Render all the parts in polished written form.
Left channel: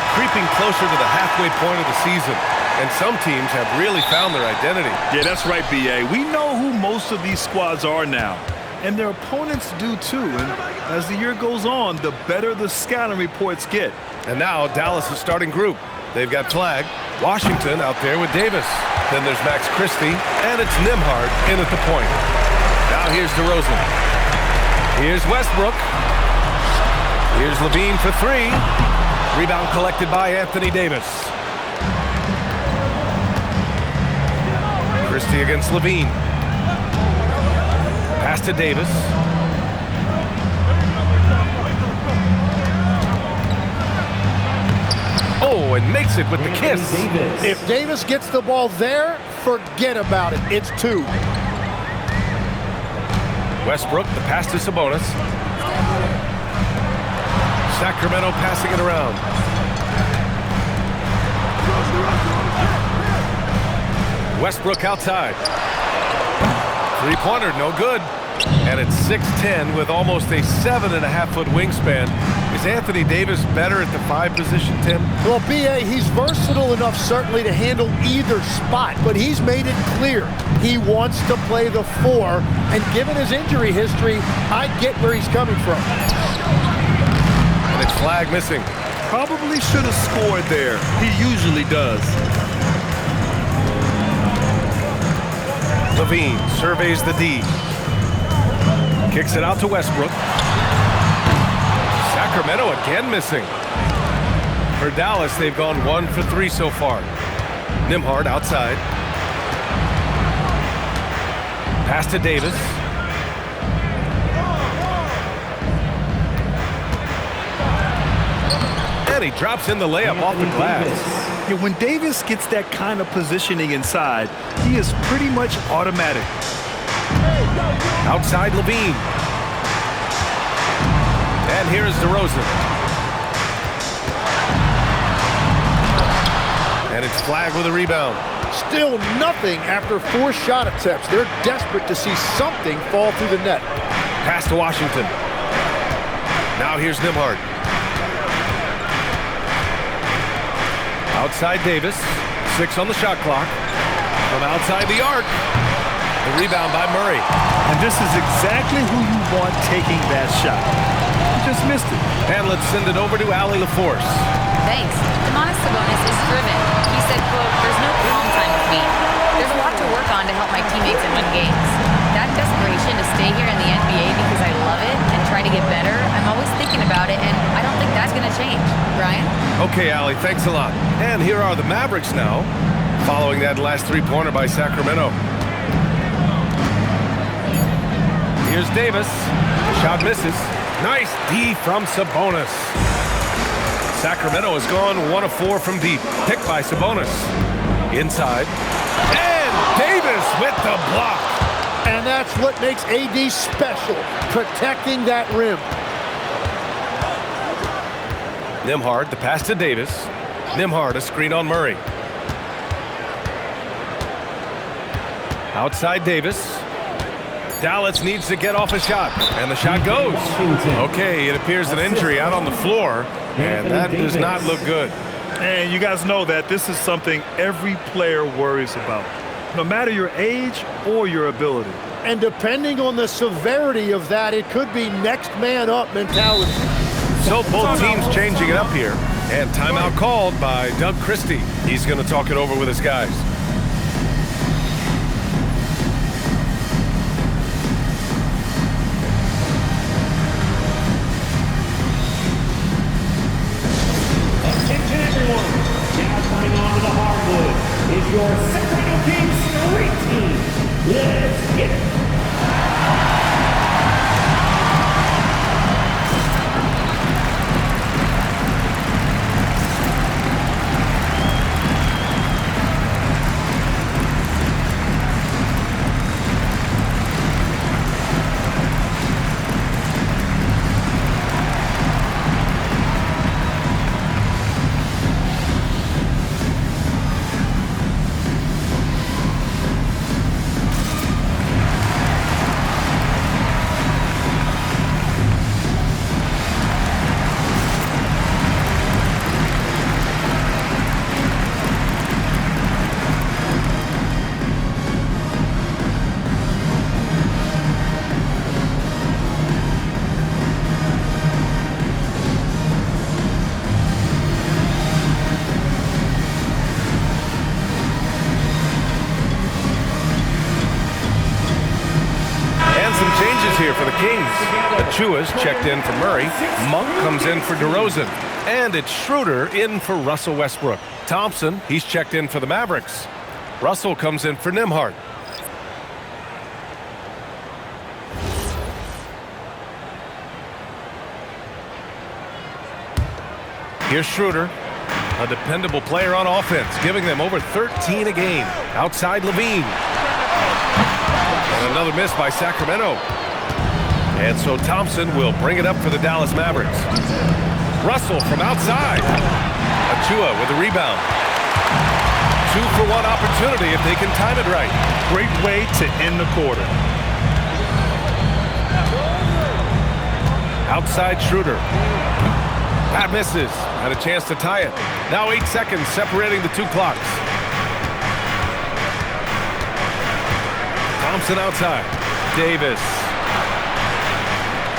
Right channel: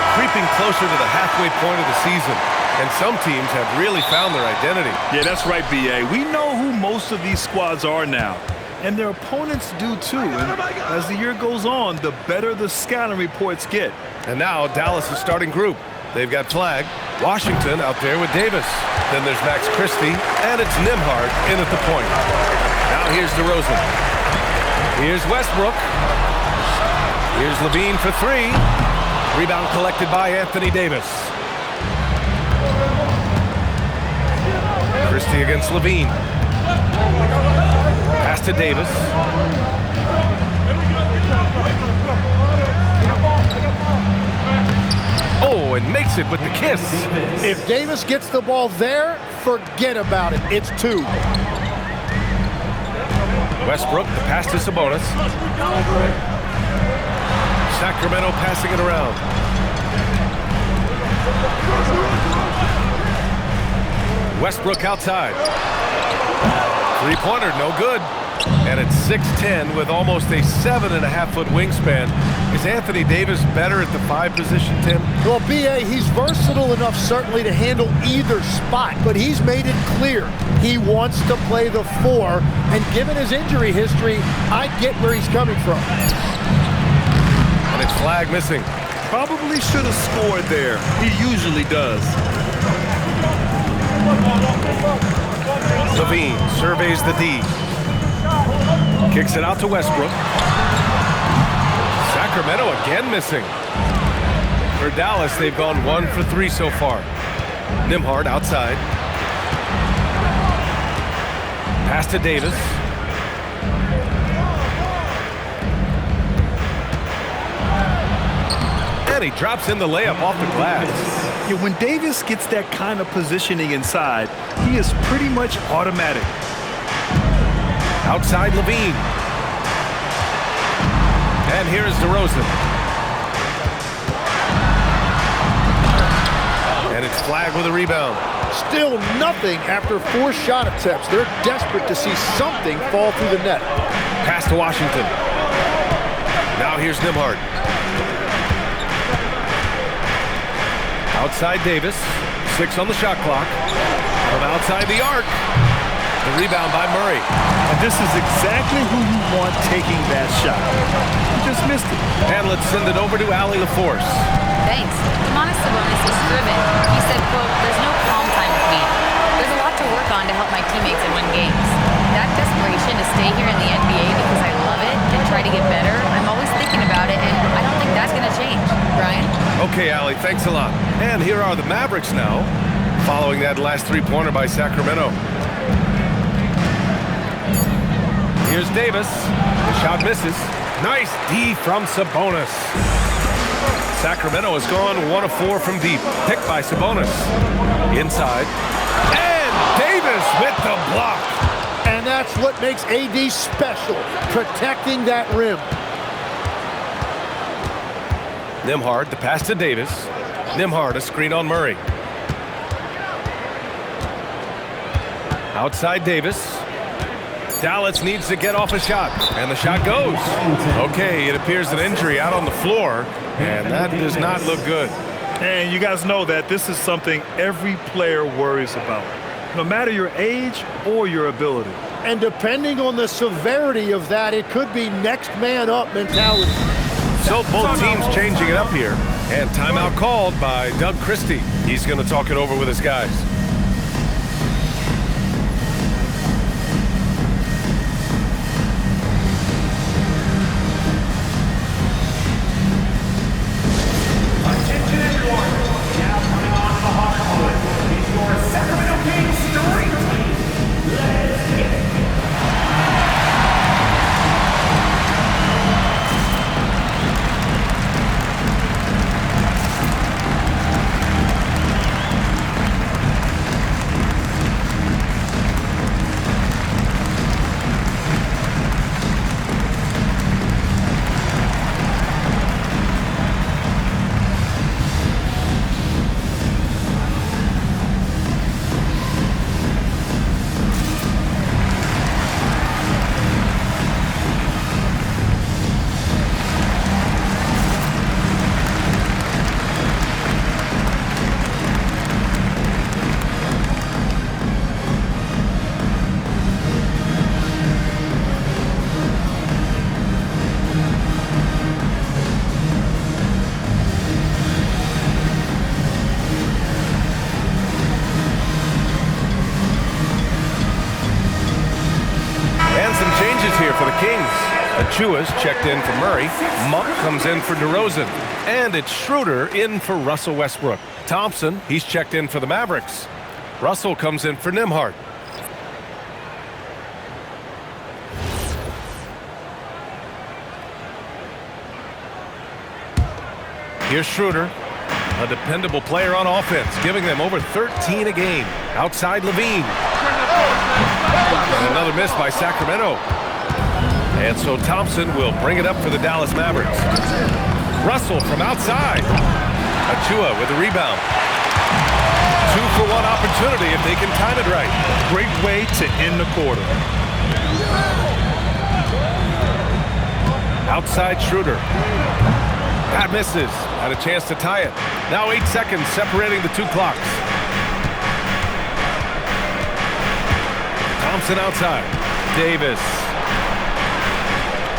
are creeping closer to the halfway point of the season, and some teams have really found their identity. Yeah, that's right, B.A. We know who most of these squads are now, and their opponents do too. And as the year goes on, the better the scouting reports get. And now Dallas' starting group. They've got Flagg, Washington out there with Davis. Then there's Max Christie, and it's Nembhard in at the point. Now here's DeRozan. Here's Westbrook. Here's LaVine for three. Rebound collected by Anthony Davis. Christie against LaVine. Pass to Davis. Oh, and makes it with the kiss. If Davis gets the ball there, forget about it. It's two. Westbrook, the pass to Sabonis. Sacramento passing it around. Westbrook outside. Three-pointer, no good. And it's 6'10" with almost a 7.5-foot wingspan. Is Anthony Davis better at the 5 position, Tim? Well, B.A., he's versatile enough certainly to handle either spot, but he's made it clear he wants to play the 4, and given his injury history, I get where he's coming from. And it's Flagg missing. Probably should have scored there. He usually does. LaVine surveys the D. Kicks it out to Westbrook. Sacramento again missing. For Dallas, they've gone 1 for 3 so far. Nembhard outside. Pass to Davis. And he drops in the layup off the glass. Yeah, when Davis gets that kind of positioning inside, he is pretty much automatic. Outside LaVine. And here's DeRozan. And it's Flagg with a rebound. Still nothing after 4 shot attempts. They're desperate to see something fall through the net. Pass to Washington. Now here's Nembhard. Outside Davis. 6 on the shot clock. From outside the arc. The rebound by Murray. And this is exactly who you want taking that shot. He just missed it. And let's send it over to Allie LaForce. Thanks. Domantas Sabonis is driven. He said, quote, "There's no calm time with me. There's a lot to work on to help my teammates and win games. That desperation to stay here in the NBA because I love it and try to get better, I'm always thinking about it, and I don't think that's going to change." Brian? Okay, Allie, thanks a lot. And here are the Mavericks now, following that last three-pointer by Sacramento. Here's Davis. The shot misses. Nice D from Sabonis. Sacramento has gone 1 of 4 from deep. Picked by Sabonis. Inside. And Davis with the block. And that's what makes AD special, protecting that rim. Nembhard, the pass to Davis. Nembhard, a screen on Murray. Outside Davis. Dallas needs to get off a shot, and the shot goes. Okay, it appears an injury out on the floor, and that does not look good. And you guys know that this is something every player worries about, no matter your age or your ability. And depending on the severity of that, it could be next man up mentality. So both teams changing it up here, and timeout called by Doug Christie. He's going to talk it over with his guys. Your Sacramento Kings Street Team. Let's get it. here for the Kings. Achua's checked in for Murray. Monk comes in for DeRozan. And it's Schroeder in for Russell Westbrook. Thompson, he's checked in for the Mavericks. Russell comes in for Nembhard. Here's Schroeder, a dependable player on offense, giving them over 13 a game. Outside Levine. And another miss by Sacramento. And so Thompson will bring it up for the Dallas Mavericks. Russell from outside. Achua with the rebound. 2-for-1 opportunity if they can time it right. Great way to end the quarter. Outside Schroeder. That misses. Had a chance to tie it. Now 8 seconds separating the two clocks. Thompson outside. Davis.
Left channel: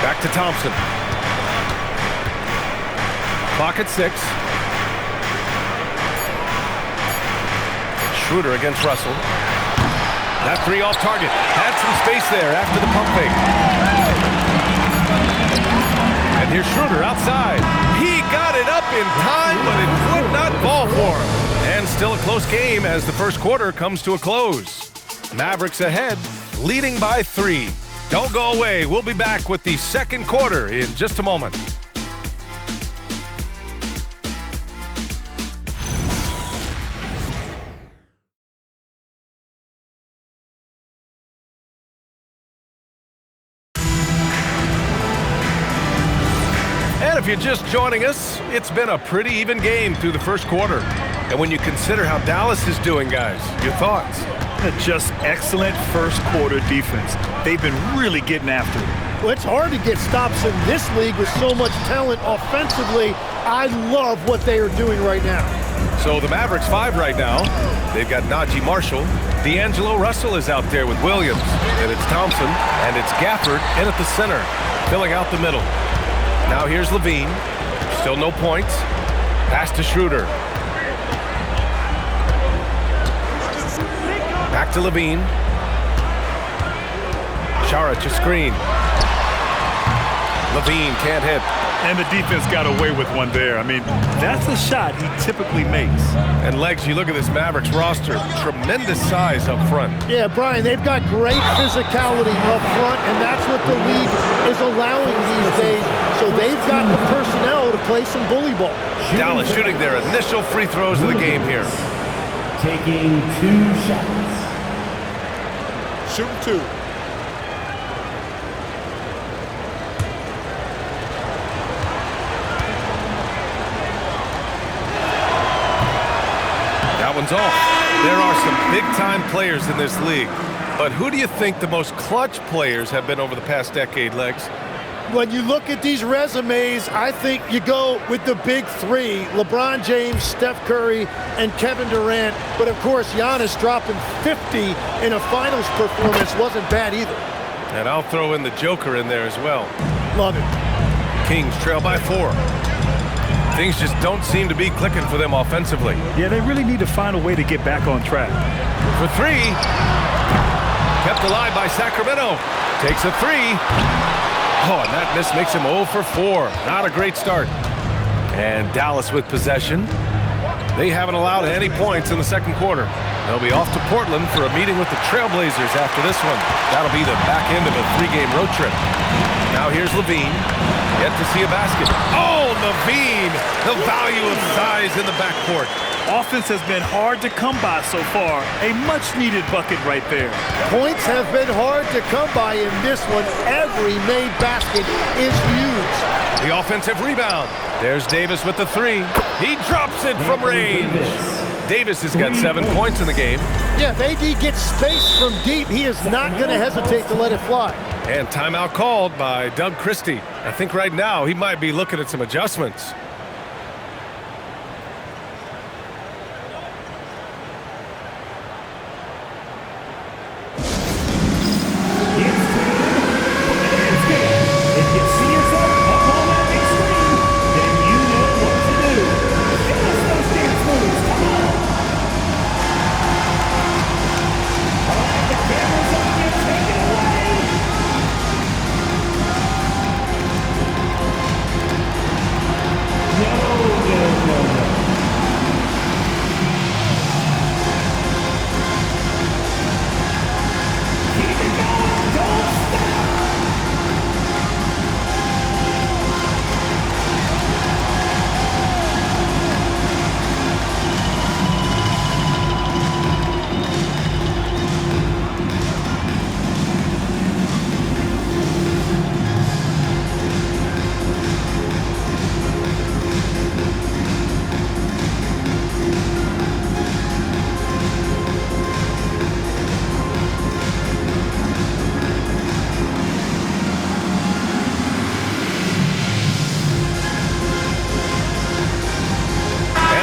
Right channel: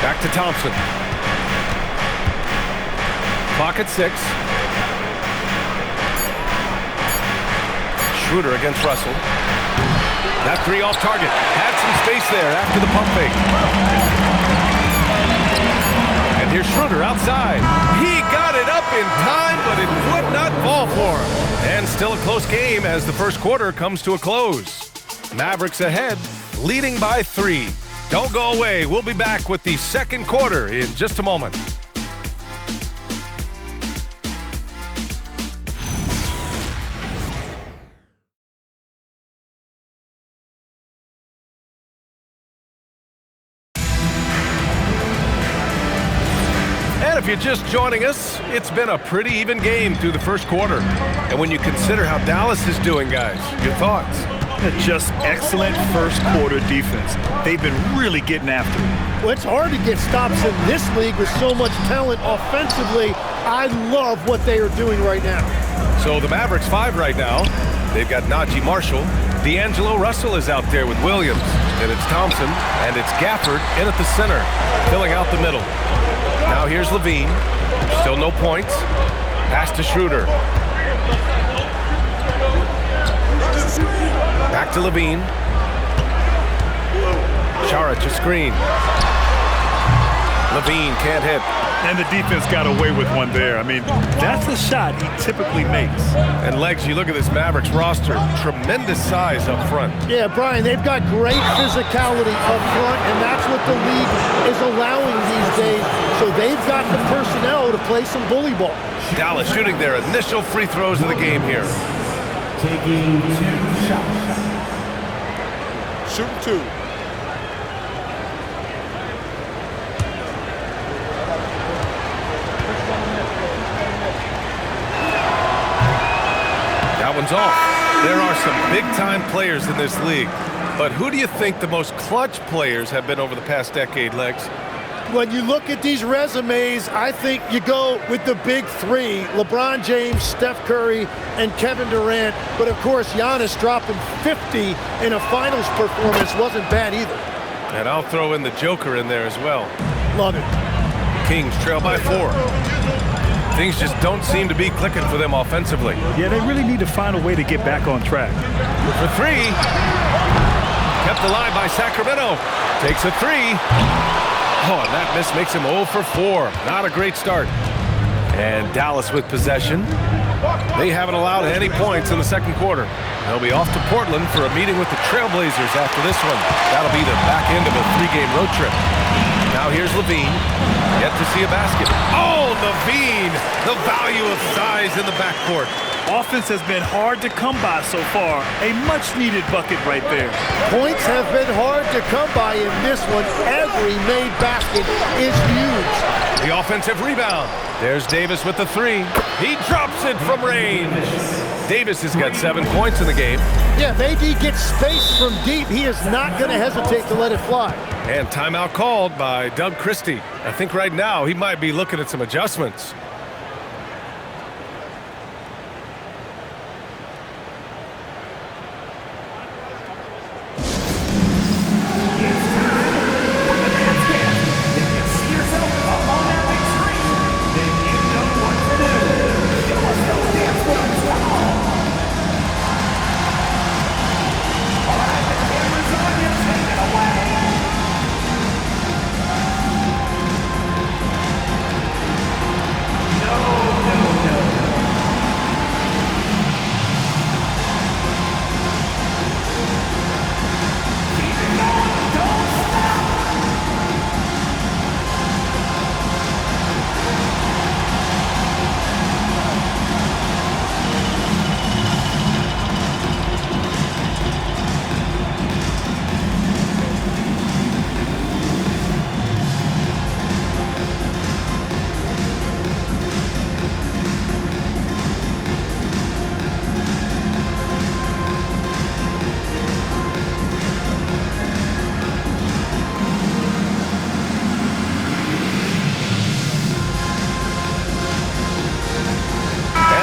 Back to Thompson. Clock at 6. Schroeder against Russell. That three off target. Had some space there after the pump fake. And here's Schroeder outside. He got it up in time, but it would not fall for him. And still a close game as the first quarter comes to a close. Mavericks ahead, leading by 3. Don't go away. We'll be back with the second quarter in just a moment. And if you're just joining us, it's been a pretty even game through the first quarter. And when you consider how Dallas is doing, guys, your thoughts? Just excellent first quarter defense. They've been really getting after it. Well, it's hard to get stops in this league with so much talent offensively. I love what they are doing right now. So the Mavericks 5 right now. They've got Najee Marshall. D'Angelo Russell is out there with Williams. And it's Thompson. And it's Gafford in at the center, filling out the middle. Now here's Levine. Still no points. Pass to Schroeder. Back to Levine. Saric a screen. Levine can't hit. And the defense got away with one there. I mean, that's a shot he typically makes. And Legs, you look at this Mavericks roster, tremendous size up front. Yeah, Brian, they've got great physicality up front, and that's what the league is allowing these days. So they've got the personnel to play some bully ball. Dallas shooting their initial free throws of the game here. Taking 2 shots. Shooting 2. That one's off. There are some big-time players in this league. But who do you think the most clutch players have been over the past decade, Legs? When you look at these resumes, I think you go with the big 3, LeBron James, Steph Curry, and Kevin Durant. But, of course, Giannis dropping 50 in a finals performance wasn't bad either. And I'll throw in the Joker in there as well. Love it. Kings trail by 4. Things just don't seem to be clicking for them offensively. Yeah, they really need to find a way to get back on track. For 3. Kept alive by Sacramento. Takes a 3. Oh, and that miss makes him 0 for 4. Not a great start. And Dallas with possession. They haven't allowed any points in the second quarter. They'll be off to Portland for a meeting with the Trailblazers after this one. That'll be the back end of a 3-game road trip. Now here's Levine. Yet to see a basket. Oh, Levine! The value of size in the backcourt. Offense has been hard to come by so far. A much-needed bucket right there. Points have been hard to come by in this one. Every made basket is huge. The offensive rebound. There's Davis with the 3. He drops it from range. Davis has got 7 points in the game. Yeah, if AD gets space from deep, he is not going to hesitate to let it fly. And timeout called by Doug Christie. I think right now he might be looking at some adjustments.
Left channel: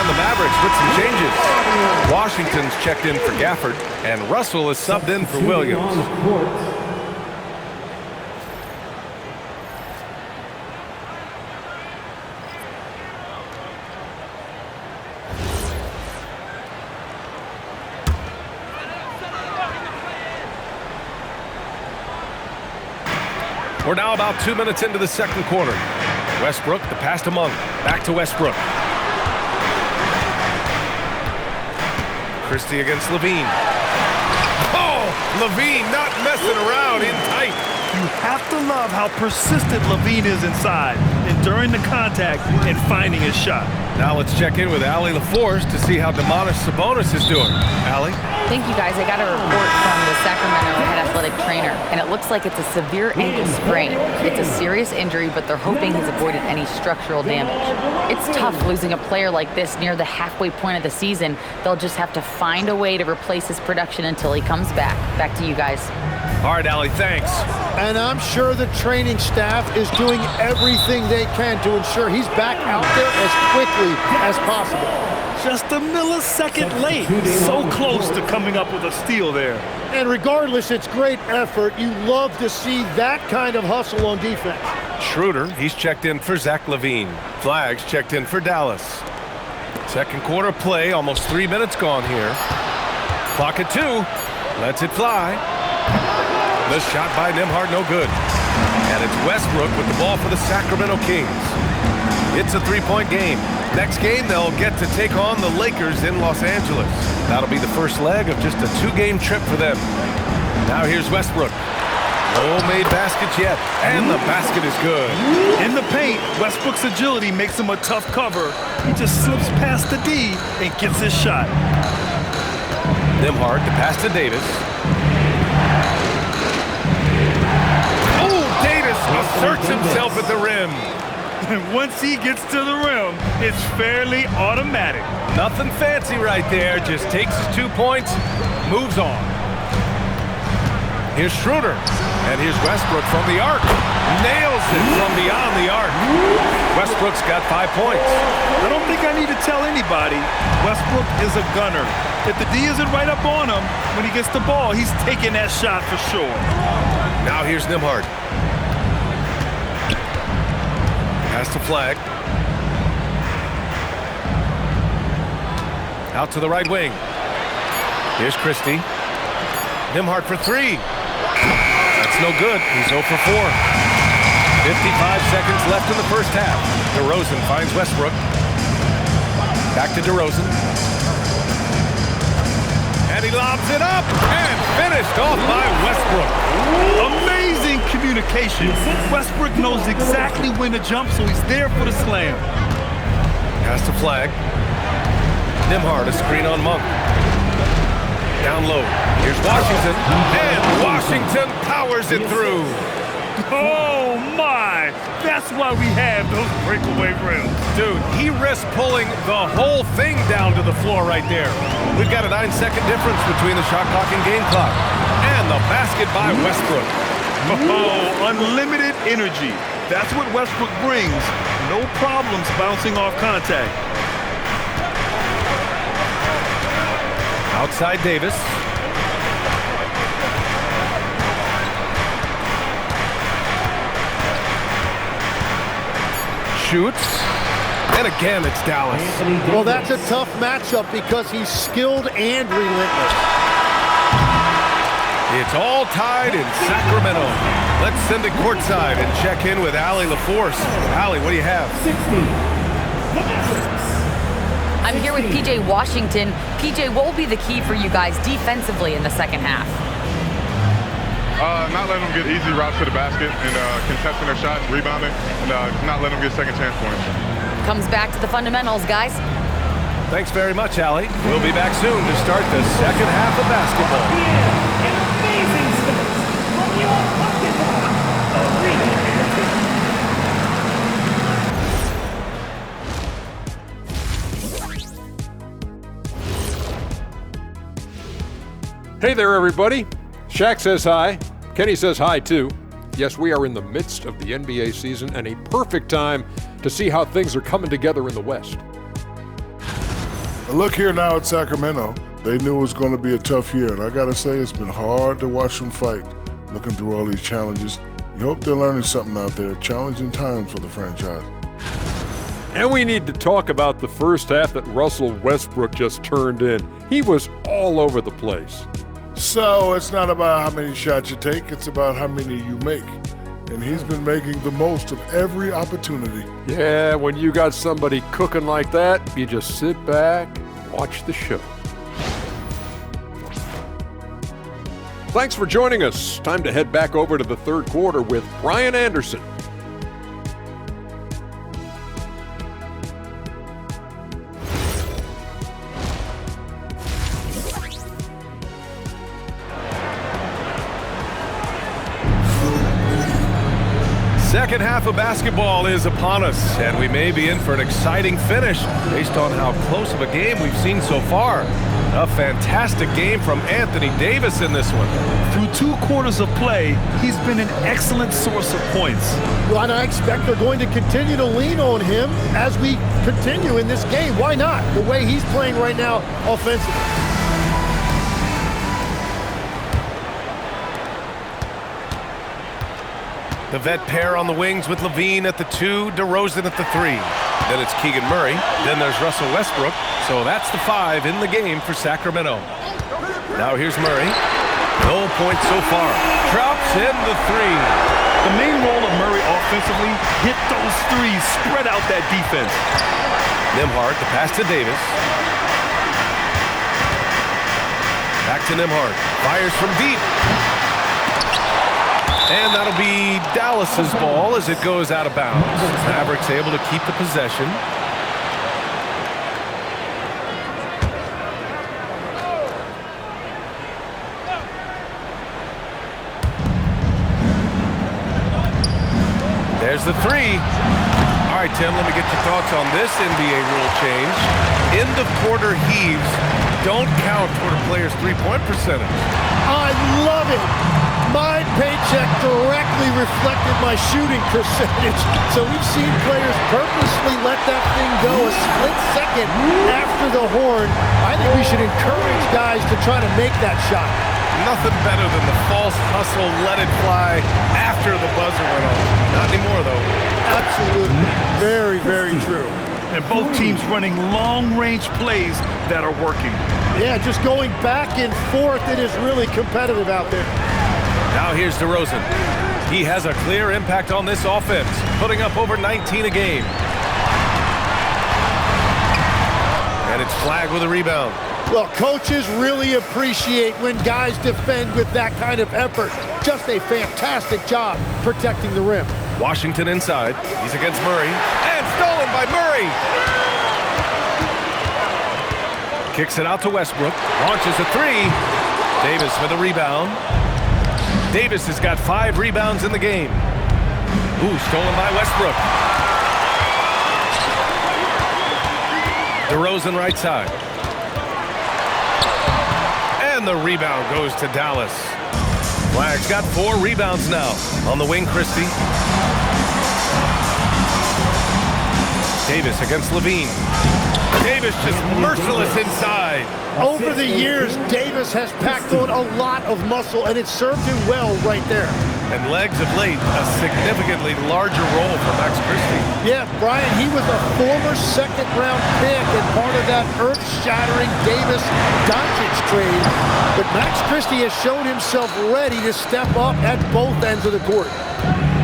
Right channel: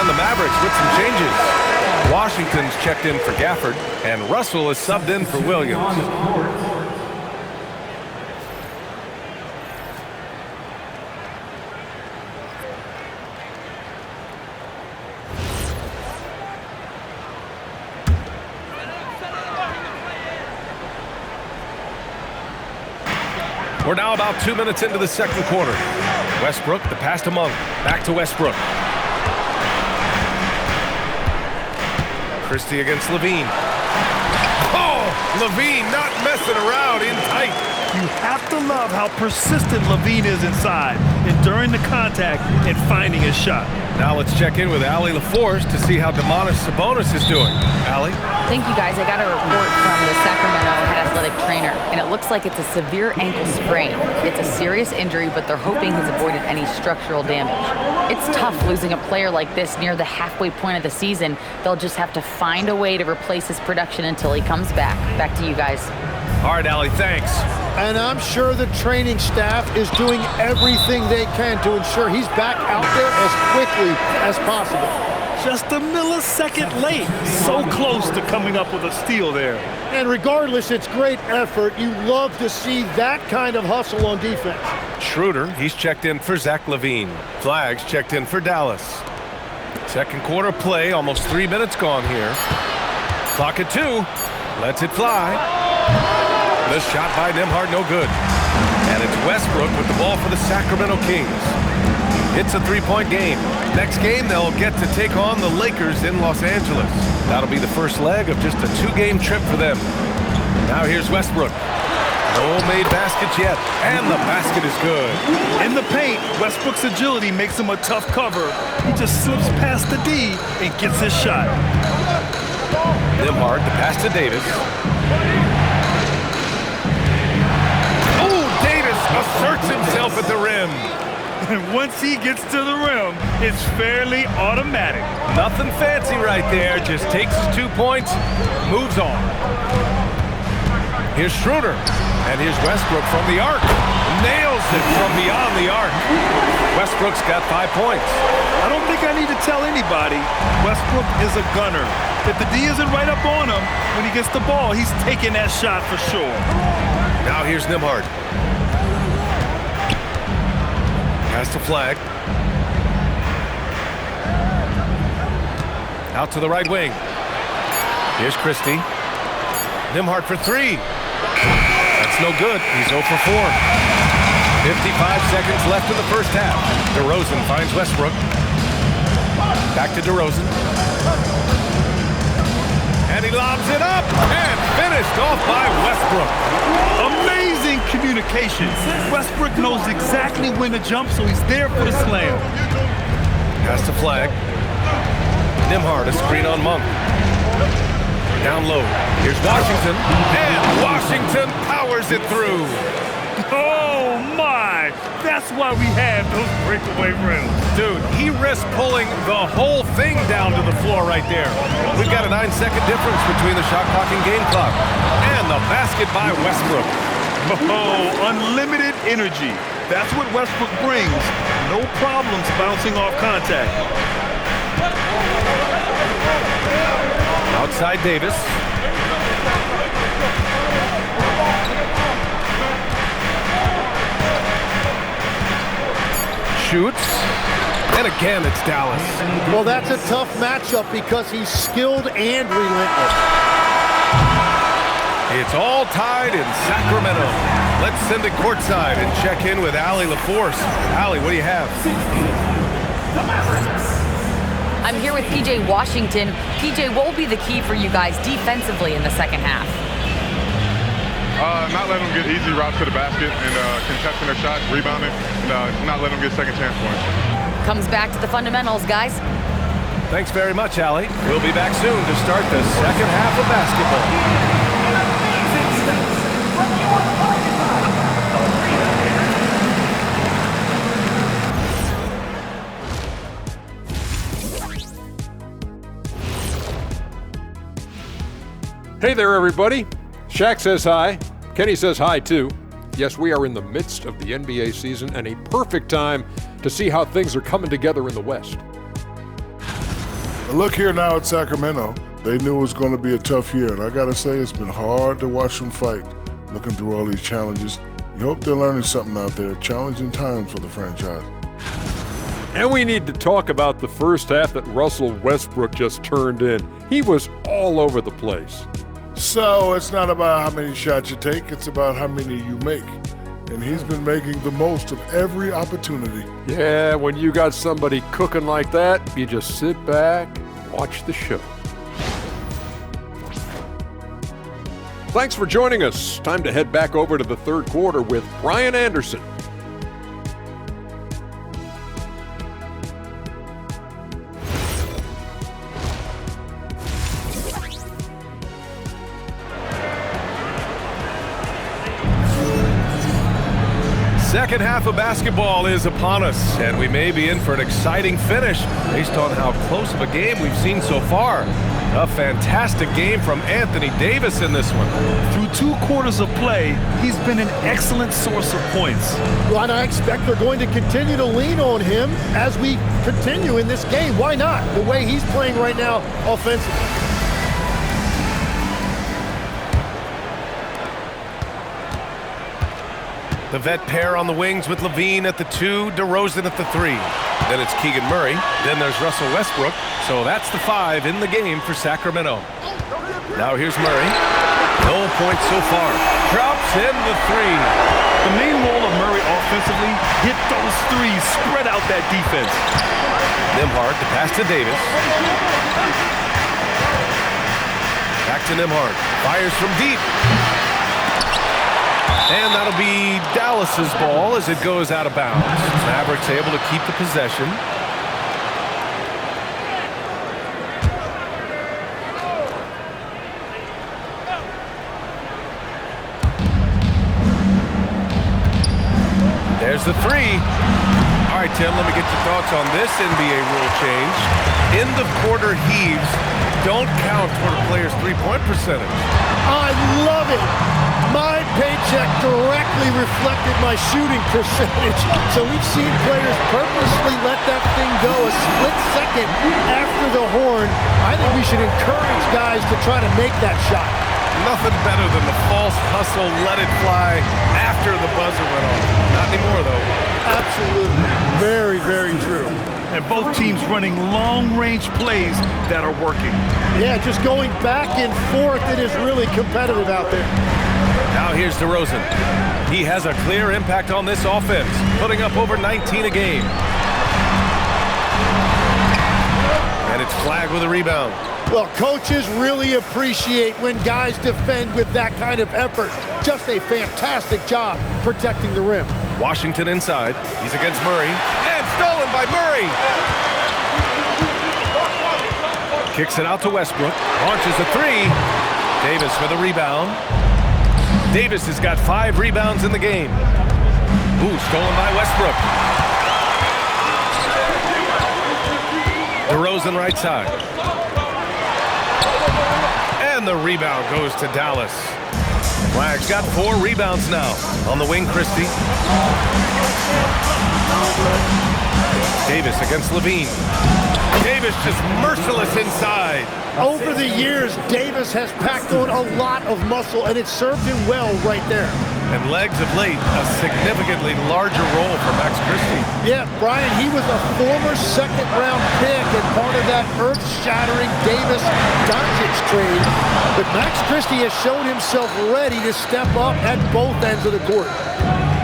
the Mavericks with some changes. Washington's checked in for Gafford, and Russell is subbed in for Williams. On the court. We're now about 2 minutes into the second quarter. Westbrook, the pass to Monk. Back to Westbrook. Christie against Levine. Oh, Levine not messing around in tight. You have to love how persistent Levine is inside, enduring the contact and finding his shot. Now let's check in with Allie LaForce to see how Domantas Sabonis is doing. Allie? Thank you, guys. I got a report from the Sacramento head athletic trainer, and it looks like it's a severe ankle sprain. It's a serious injury, but they're hoping he's avoided any structural damage. It's tough losing a player like this near the halfway point of the season. They'll just have to find a way to replace his production until he comes back. Back to you guys. All right, Allie, thanks. And I'm sure the training staff is doing everything they can to ensure he's back out there as quickly as possible. Just a millisecond late. So close to coming up with a steal there. And regardless, it's great effort. You love to see that kind of hustle on defense. Schroeder, he's checked in for Zach LaVine. Flags checked in for Dallas. Second quarter play, almost 3 minutes gone here. Clock at 2. Lets it fly. The shot by Nembhard, no good. And it's Westbrook with the ball for the Sacramento Kings. It's a three-point game. Next game, they'll get to take on the Lakers in Los Angeles. That'll be the first leg of just a 2-game trip for them. Now here's Westbrook. No made baskets yet, and the basket is good. In the paint, Westbrook's agility makes him a tough cover. He just slips past the D and gets his shot. Nembhard, the pass to Davis. Oh, Davis asserts himself at the rim. And once he gets to the rim, it's fairly automatic. Nothing fancy right there. Just takes his 2 points, moves on. Here's Schroeder. And here's Westbrook from the arc. Nails it from beyond the arc. Westbrook's got 5 points. I don't think I need to tell anybody, Westbrook is a gunner. If the D isn't right up on him, when he gets the ball, he's taking that shot for sure. Now here's Nembhard. Pass to Flag. Out to the right wing. Here's Christie. Nembhard for 3. That's no good. He's 0 for 4. 55 seconds left in the first half. DeRozan finds Westbrook. Back to DeRozan. And he lobs it up and finished off by Westbrook. Amazing communication. Westbrook knows exactly when to jump, so he's there for the slam. Pass to Flag. Nembhard, a screen on Monk. Down low. Here's Washington. And Washington powers it through. Oh, my. That's why we have those breakaway rims. Dude, he risked pulling the whole thing down to the floor right there. We've got a 9-second difference between the shot clock and game clock. And the basket by Westbrook. Oh, unlimited energy. That's what Westbrook brings. No problems bouncing off contact. Outside Davis. Shoots. And again, it's Dallas. Well, that's a tough matchup because he's skilled and relentless. It's all tied in Sacramento. Let's send it courtside and check in with Allie LaForce. Allie, what do you have? 60. The Mavericks. I'm here with PJ Washington. PJ, what will be the key for you guys defensively in the second half? Not letting them get easy routes to the basket and contesting their shots, rebounding, and not letting them get second chance points. Comes back to the fundamentals, guys. Thanks very much, Allie. We'll be back soon to start the second half of basketball. An amazing stuff from your arena. Hey there, everybody. Shaq says hi. Kenny says hi, too. Yes, we are in the midst of the NBA season and a perfect time to see how things are coming together in the West. Look here now at Sacramento. They knew it was going to be a tough year, and I got to say it's been hard to watch them fight, looking through all these challenges. You hope they're learning something out there. Challenging times for the franchise. And we need to talk about the first half that Russell Westbrook just turned in. He was all over the place. So it's not about how many shots you take, it's about how many you make. And he's been making the most of every opportunity. Yeah, when you got somebody cooking like that, you just sit back, watch the show. Thanks for joining us. Time to head back over to the third quarter with Brian Anderson. Second half of basketball is upon us, and we may be in for an exciting finish based on how close of a game we've seen so far. A fantastic game from Anthony Davis in this one. Through 2 quarters of play, he's been an excellent source of points. Well, and I expect they're going to continue to lean on him as we continue in this game. Why not? The way he's playing right now offensively. The vet pair on the wings with LaVine at the 2, DeRozan at the 3. Then it's Keegan Murray. Then there's Russell Westbrook. So that's the 5 in the game for Sacramento. Now here's Murray. No points so far. Drops in the 3. The main role of Murray offensively, hit those threes, spread out that defense. Nembhard, the pass to Davis. Back to Nembhard. Fires from deep. And that'll be Dallas's ball as it goes out of bounds. Mavericks able to keep the possession. There's the 3. All right, Tim, let me get your thoughts on this NBA rule change. End of quarter heaves don't count toward a player's three-point percentage. I love it. My paycheck directly reflected my shooting percentage. So we've seen players purposely let that thing go a split second after the horn. I think we should encourage guys to try to make that shot. Nothing better than the false hustle, let it fly after the buzzer went off. Not anymore, though. Absolutely. Very, very true. And both teams running long-range plays that are working. Yeah, just going back and forth. It is really competitive out there. Now here's DeRozan. He has a clear impact on this offense, putting up over 19 a game. And it's Flagg with a rebound. Well, coaches really appreciate when guys defend with that kind of effort. Just a fantastic job protecting the rim. Washington inside. He's against Murray. And stolen by Murray. Kicks it out to Westbrook. Launches a 3. Davis with a rebound. Davis has got 5 rebounds in the game. Ooh, stolen by Westbrook. DeRozan right side. And the rebound goes to Dallas. Flagg's got 4 rebounds now. On the wing, Christie. Davis against LaVine. Davis just merciless inside. Over the years, Davis has packed on a lot of muscle, and it served him well right there. And legs of late, a significantly larger role for Max Christie. Yeah, Brian, he was a former second-round pick and part of that earth-shattering Davis-Doncic trade. But Max Christie has shown himself ready to step up at both ends of the court.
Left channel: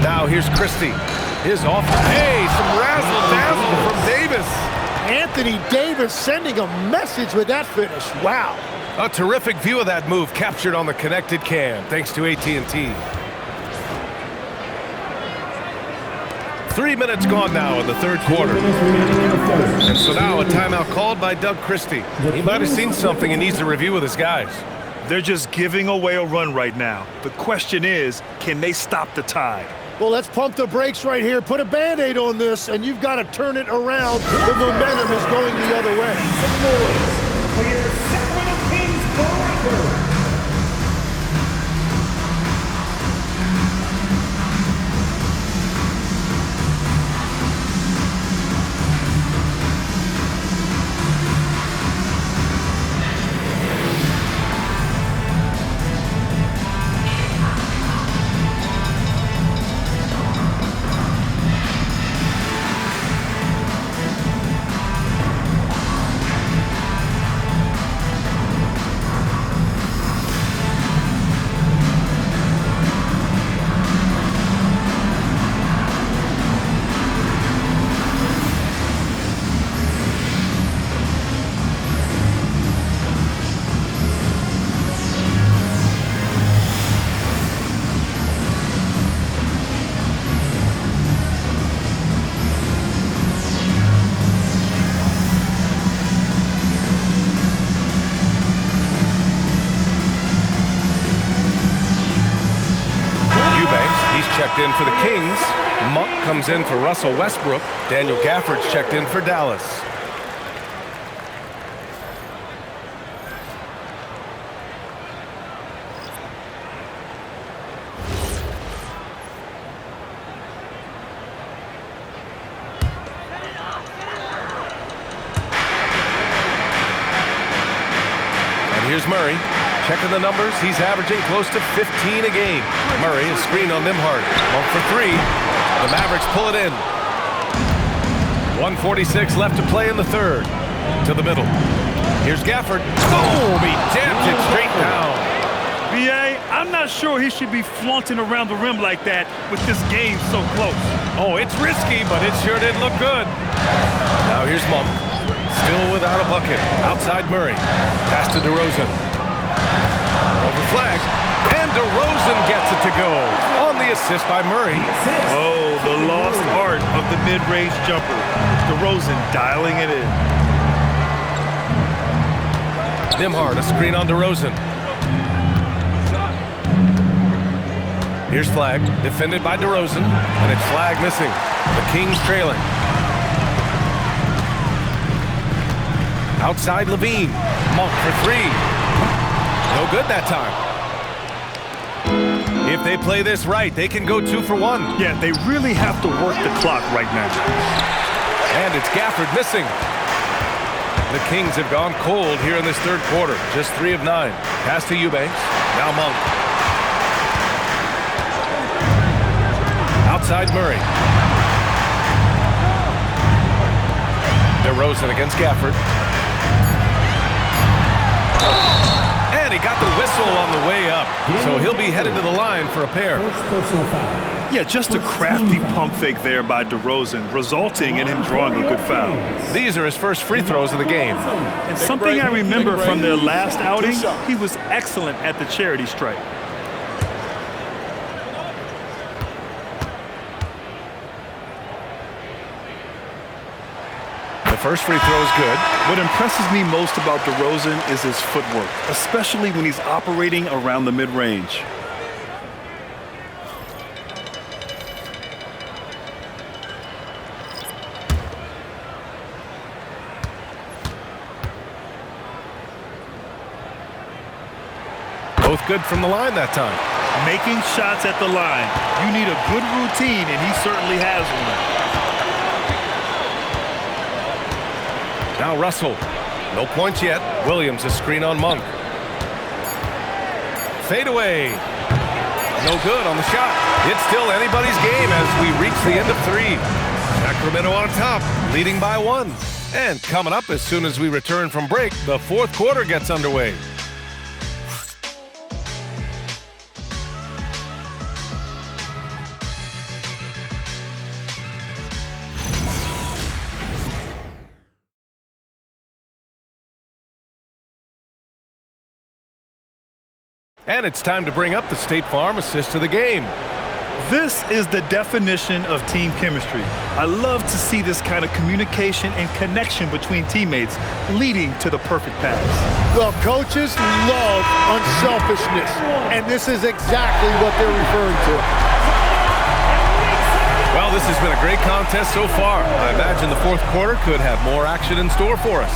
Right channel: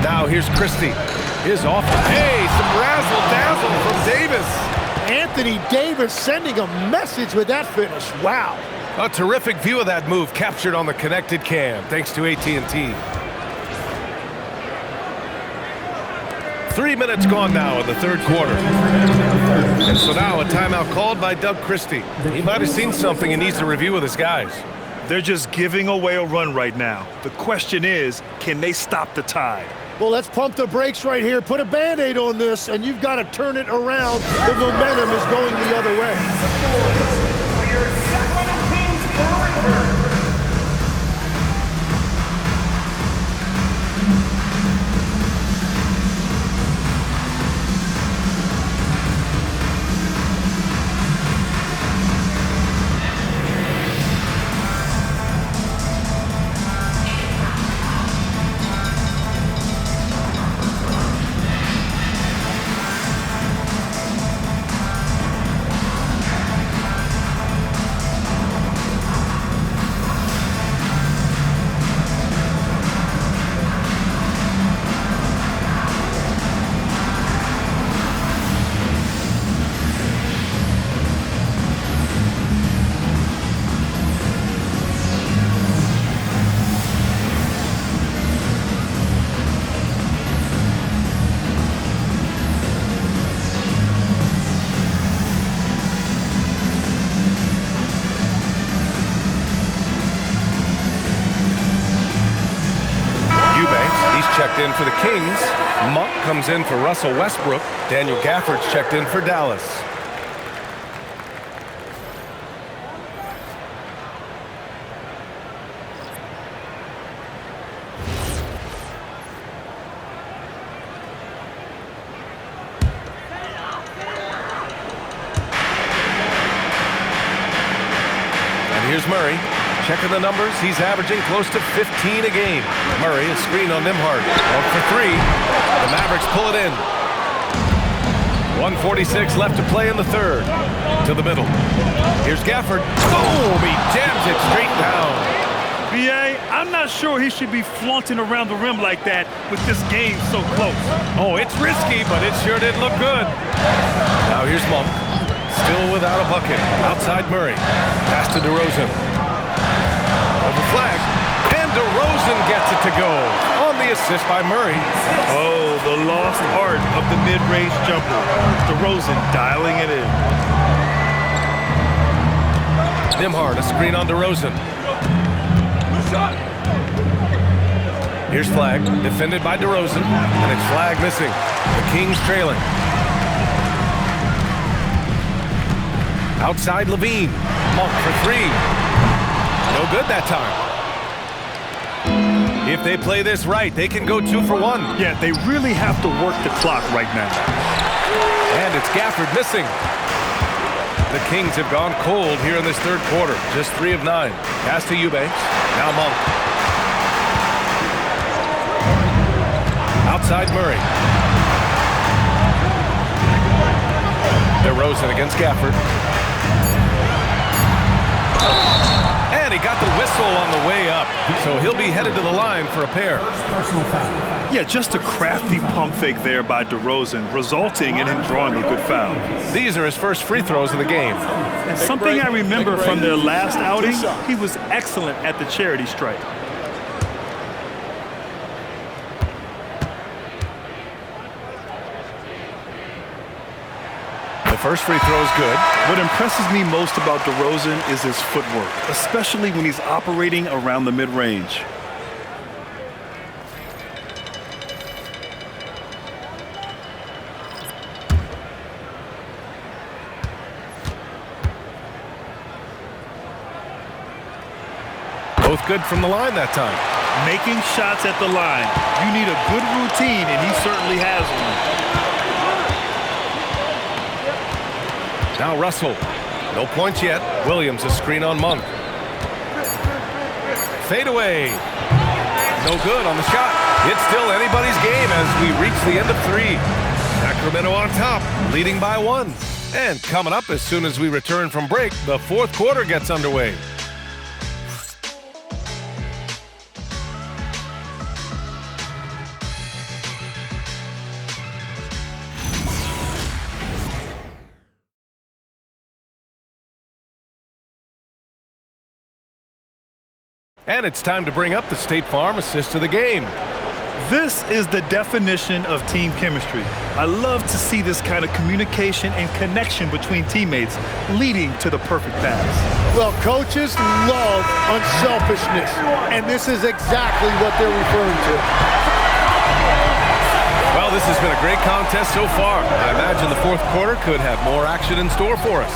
Now here's Christie. His offense. Hey, some razzle-dazzle from Davis. Anthony Davis sending a message with that finish. Wow. A terrific view of that move captured on the connected cam, thanks to AT&T. 3 minutes gone now in the third quarter. And so now a timeout called by Doug Christie. He might have seen something and needs to review with his guys. They're just giving away a run right now. The question is, can they stop the tide? Well, let's pump the brakes right here. Put a Band-Aid on this, and you've got to turn it around. The momentum is going the other way. For your Sacramento Kings Breaker. checked in for the Kings. Monk comes in for Russell Westbrook. Daniel Gafford's checked in for Dallas. Here's Murray. Checking the numbers. He's averaging close to 15 a game. Murray is screened on Nembhard. 1 for 3. The Mavericks pull it in. 1:46 left to play in the third. To the middle. Here's Gafford. Boom! He jams it straight down. B.A., I'm not sure he should be flaunting around the rim like that with this game so close. Oh, it's risky, but it sure did look good. Now here's Monk. Still without a bucket. Outside Murray. Pass to DeRozan. Over flag. And DeRozan gets it to go. On the assist by Murray. Oh, the lost art of the mid-range jumper. DeRozan dialing it in. Nembhard, a screen on DeRozan. Here's Flag. Defended by DeRozan. And it's Flag missing. The Kings trailing. Outside Levine. Monk for 3. No good that time. If they play this right, they can go 2 for 1. Yeah, they really have to work the clock right now. And it's Gafford missing. The Kings have gone cold here in this third quarter. Just 3 of 9. Pass to Eubanks. Now Monk. Outside Murray. DeRozan against Gafford. And he got the whistle on the way up. So he'll be headed to the line for a pair. Yeah, just a crafty pump fake there by DeRozan, resulting in him drawing a good foul. These are his first free throws of the game. And something I remember from their last outing, he was excellent at the charity stripe. The first free throw is good. What impresses me most about DeRozan is his footwork, especially when he's operating around the mid-range. Both good from the line that time. Making shots at the line. You need a good routine, and he certainly has one. Now Russell. No points yet. Williams a screen on Monk. Fade away. No good on the shot. It's still anybody's game as we reach the end of 3. Sacramento on top, leading by 1. And coming up as soon as we return from break, the fourth quarter gets underway. And it's time to bring up the State Farm assist of the game. This is the definition of team chemistry. I love to see this kind of communication and connection between teammates leading to the perfect pass. Well, coaches love unselfishness, and this is exactly what they're referring to. Well, this has been a great contest so far. I imagine the fourth quarter could have more action in store for us.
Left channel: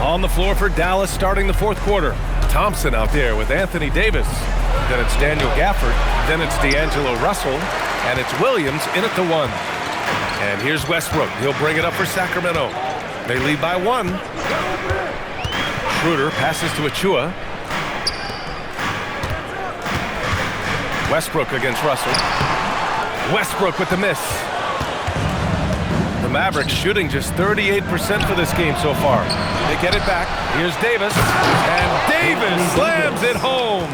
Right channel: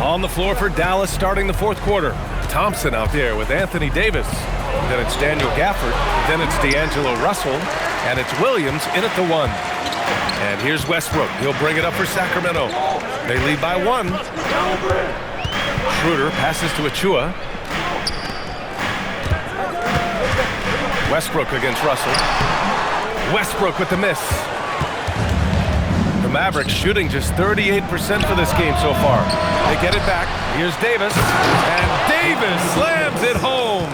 On the floor for Dallas starting the fourth quarter. Thompson out there with Anthony Davis. Then it's Daniel Gafford. Then it's D'Angelo Russell. And it's Williams in at the 1. And here's Westbrook. He'll bring it up for Sacramento. They lead by 1. Schroeder passes to Achua. Westbrook against Russell. Westbrook with the miss. The Mavericks shooting just 38% for this game so far. They get it back. Here's Davis. And Davis slams it home.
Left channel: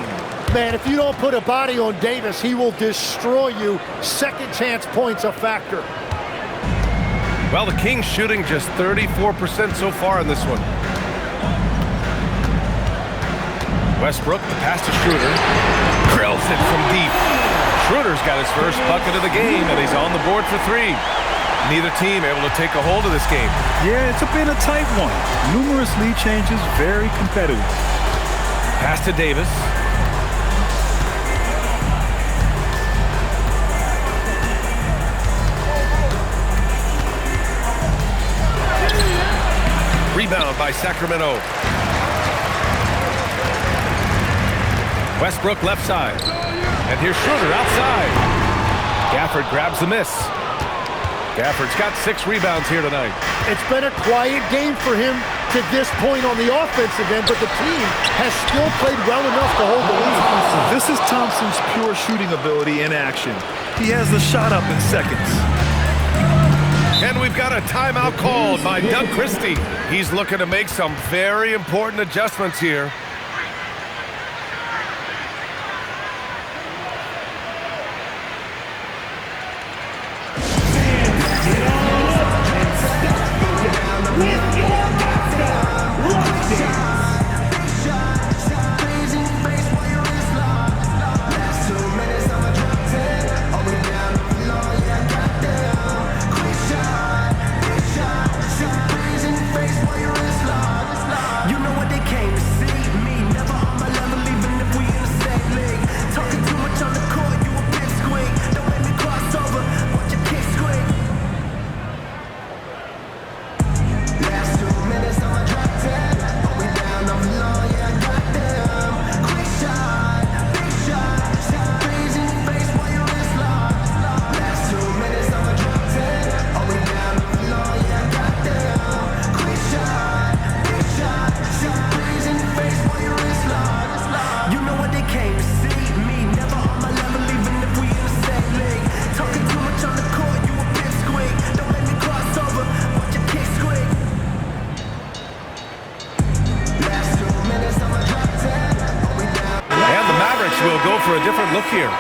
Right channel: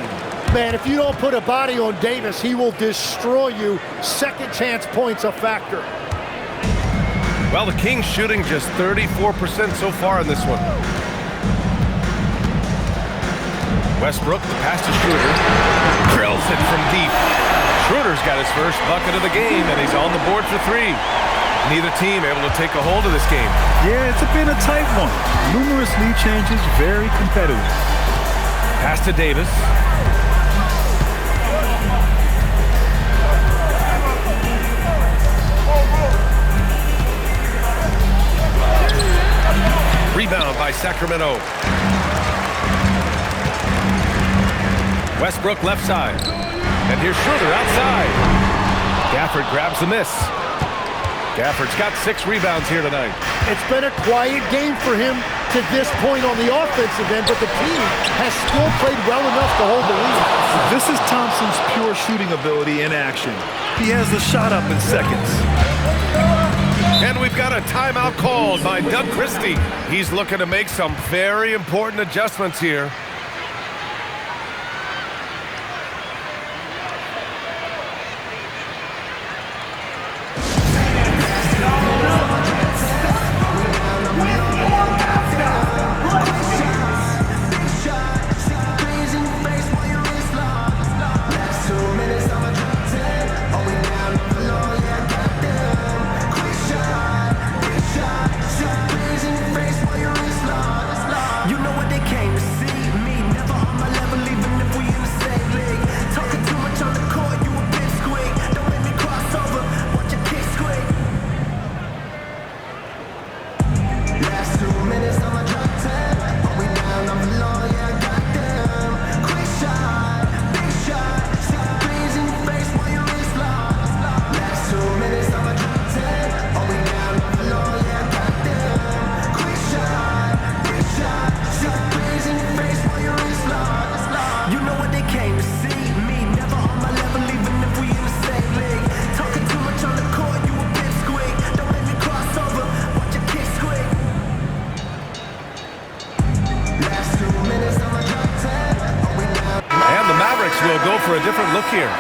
Man, if you don't put a body on Davis, he will destroy you. Second chance points a factor. Well, the Kings shooting just 34% so far in this one. Westbrook, the pass to Schroeder. Drills it from deep. Schroeder's got his first bucket of the game, and he's on the board for 3. Neither team able to take a hold of this game. Yeah, it's been a tight one. Numerous lead changes, very competitive. Pass to Davis. Rebound by Sacramento. Westbrook left side. And here's Schroeder outside. Gafford grabs the miss. Gafford's got 6 rebounds here tonight. It's been a quiet game for him to this point on the offensive end, but the team has still played well enough to hold the lead. This is Thompson's pure shooting ability in action. He has the shot up in seconds. And we've got a timeout called by Doug Christie. He's looking to make some very important adjustments here. Will go for a different look here.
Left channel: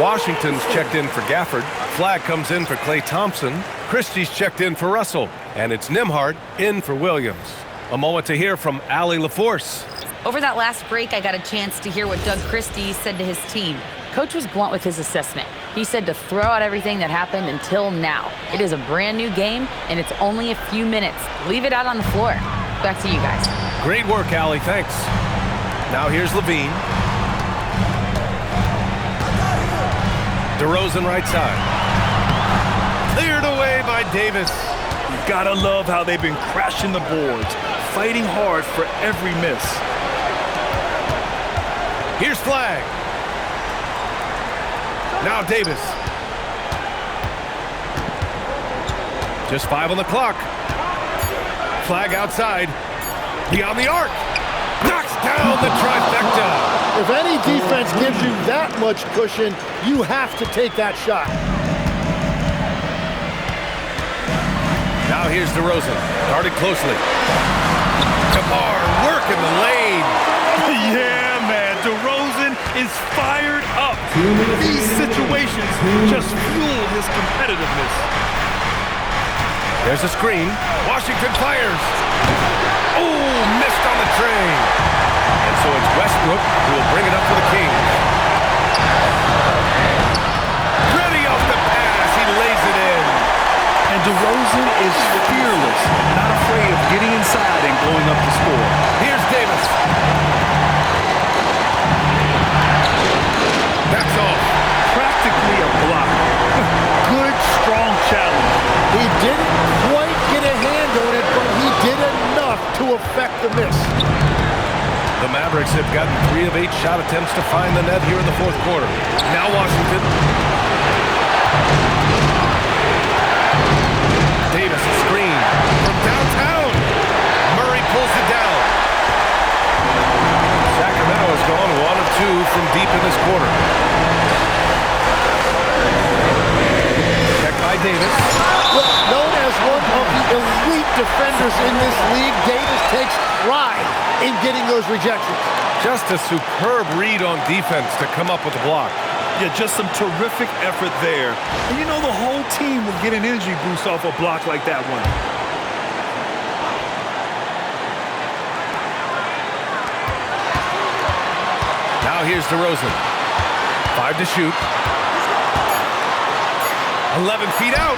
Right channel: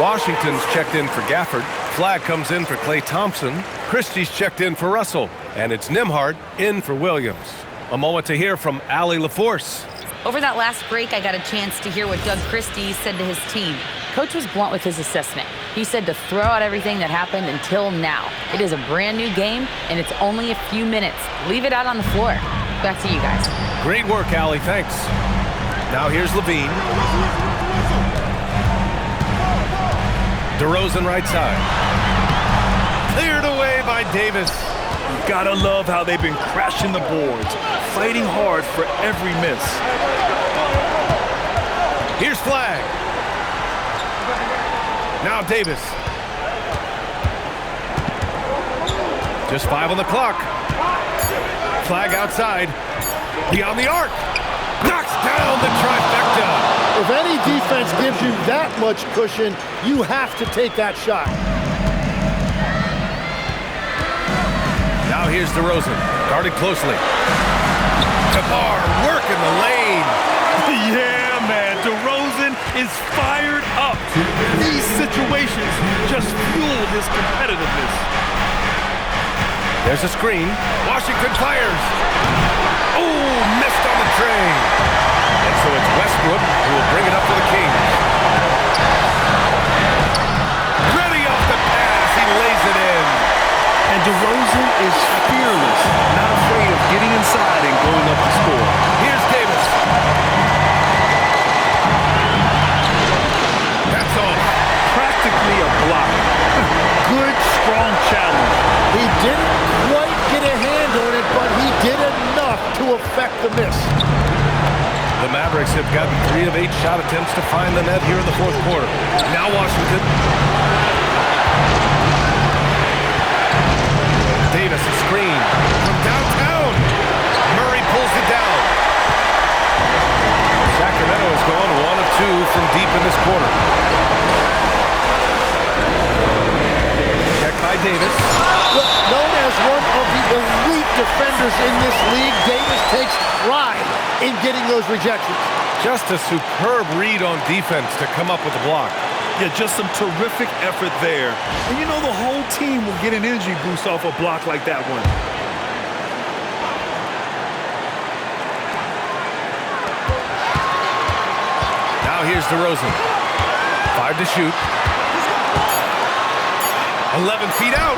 Washington's checked in for Gafford. Flag comes in for Klay Thompson. Christie's checked in for Russell. And it's Nembhard in for Williams. A moment to hear from Allie LaForce. Over that last break, I got a chance to hear what Doug Christie said to his team. Coach was blunt with his assessment. He said to throw out everything that happened until now. It is a brand new game, and it's only a few minutes. Leave it out on the floor. Back to you guys. Great work, Allie. Thanks. Now here's Levine. DeRozan right side. Cleared away by Davis. You gotta love how they've been crashing the boards, fighting hard for every miss. Here's Flag. Now Davis. Just 5 on the clock. Flag outside. Beyond the arc. Knocks down the trifecta. If any defense gives you that much cushion, you have to take that shot. Now here's DeRozan, guarded closely. Kabar working the lane. Yeah, man, DeRozan is fired up. These situations just fuel his competitiveness. There's a screen. Washington fires. Oh, missed on the tray. And so it's Westbrook who will bring it up for the Kings. Ready off the pass. He lays it in. And DeRozan is fearless, not afraid of getting inside and going up to score. Here's Davis. That's all. Practically a block. Good, strong challenge. He didn't quite get a hand on it, but he did enough to affect the miss. The Mavericks have gotten 3 of 8 shot attempts to find the net here in the fourth quarter. Now Washington. Davis a screen from downtown. Murray pulls it down. Sacramento has gone 1 of 2 from deep in this quarter. Check by Davis. Well, known as one of the elite defenders in this league, Davis takes pride in getting those rejections. Just a superb read on defense to come up with the block. Yeah, just some terrific effort there. And you know the whole team will get an energy boost off a block like that one. Now here's DeRozan. 5 to shoot. 11 feet out.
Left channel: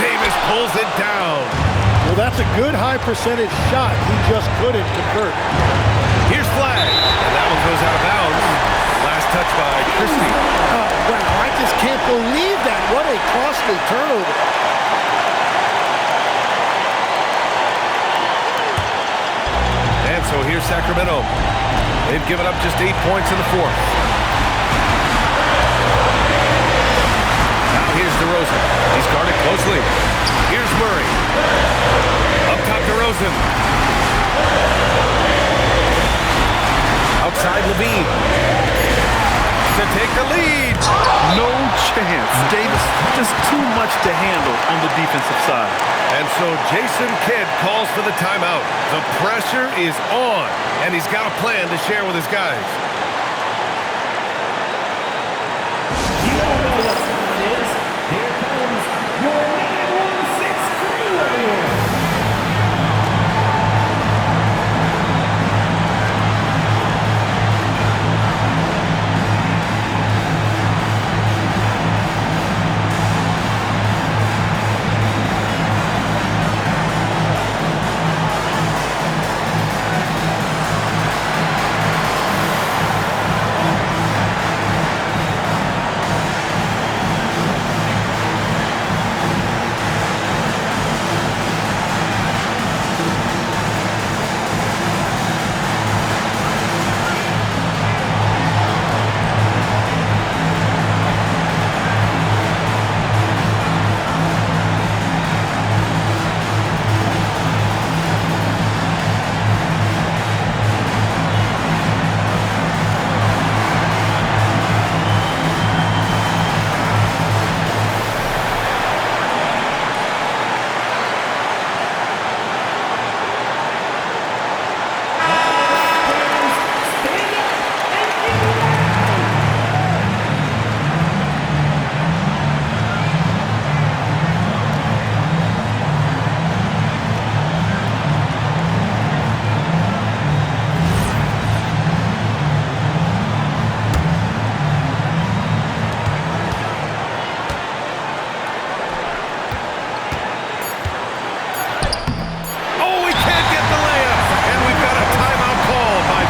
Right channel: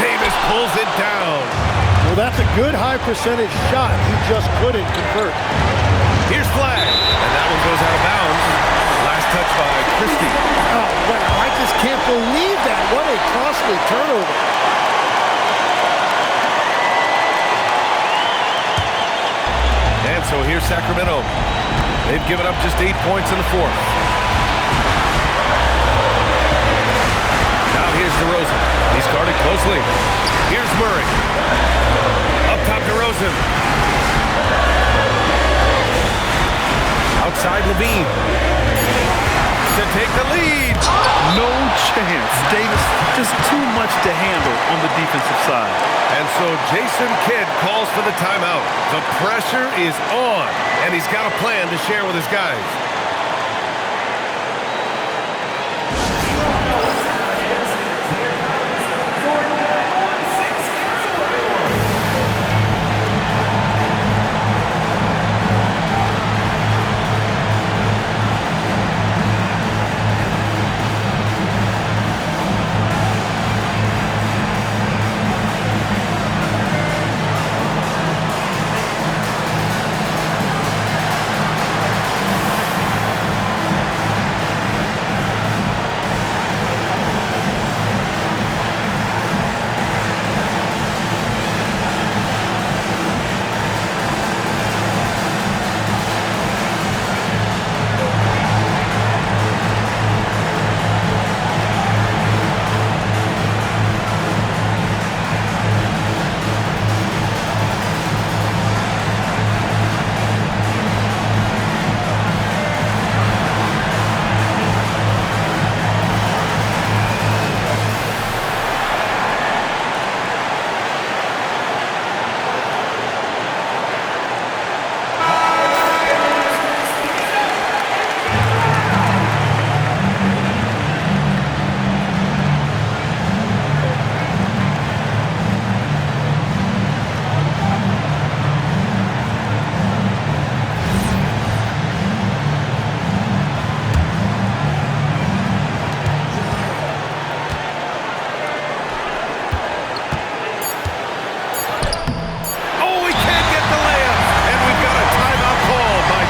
Davis pulls it down. Well, that's a good high percentage shot. He just couldn't convert. Here's Flag. And that one goes out of bounds. Last touch by Christie. Oh, wow. I just can't believe that. What a costly turnover. so here's Sacramento. They've given up just 8 points in the fourth. Now here's DeRozan. He's guarded closely. Here's Murray. Up top, DeRozan. Outside, Levine. To take the lead. No chance. Davis, just too much to handle on the defensive side. And so Jason Kidd calls for the timeout. The pressure is on, and he's got a plan to share with his guys.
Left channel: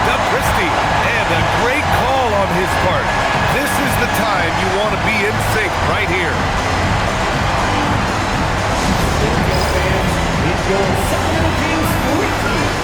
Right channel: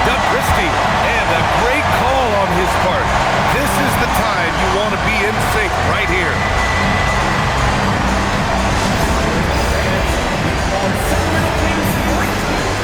Doug Christie, and a great call on his part. This is the time you want to be in sync right here. It's your Sacramento Kings 3-2.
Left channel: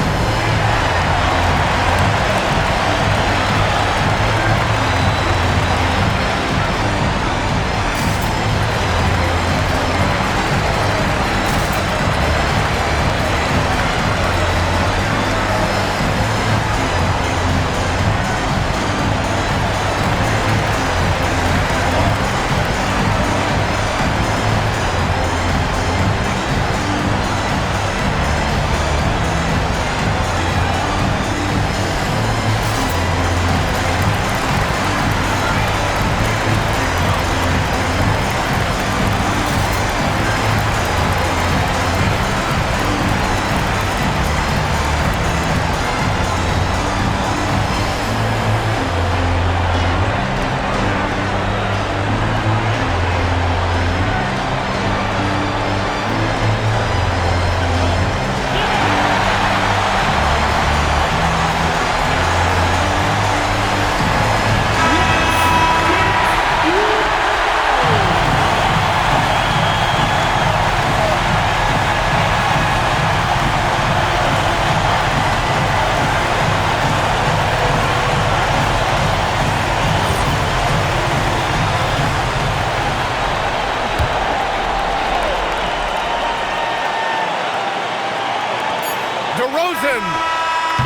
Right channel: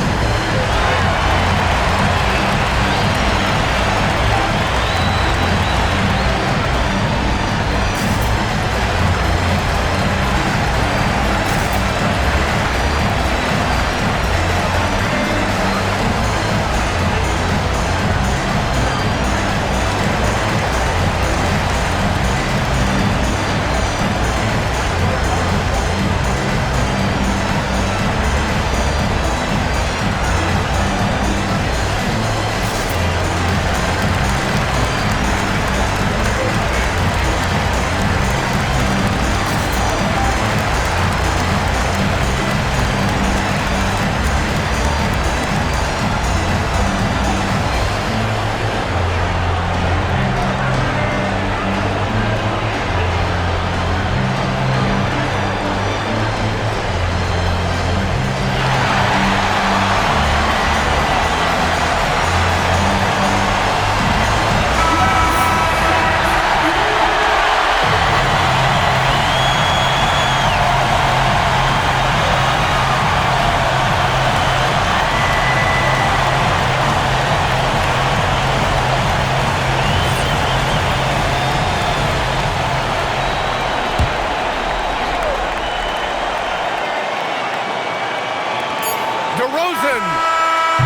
DeRozan.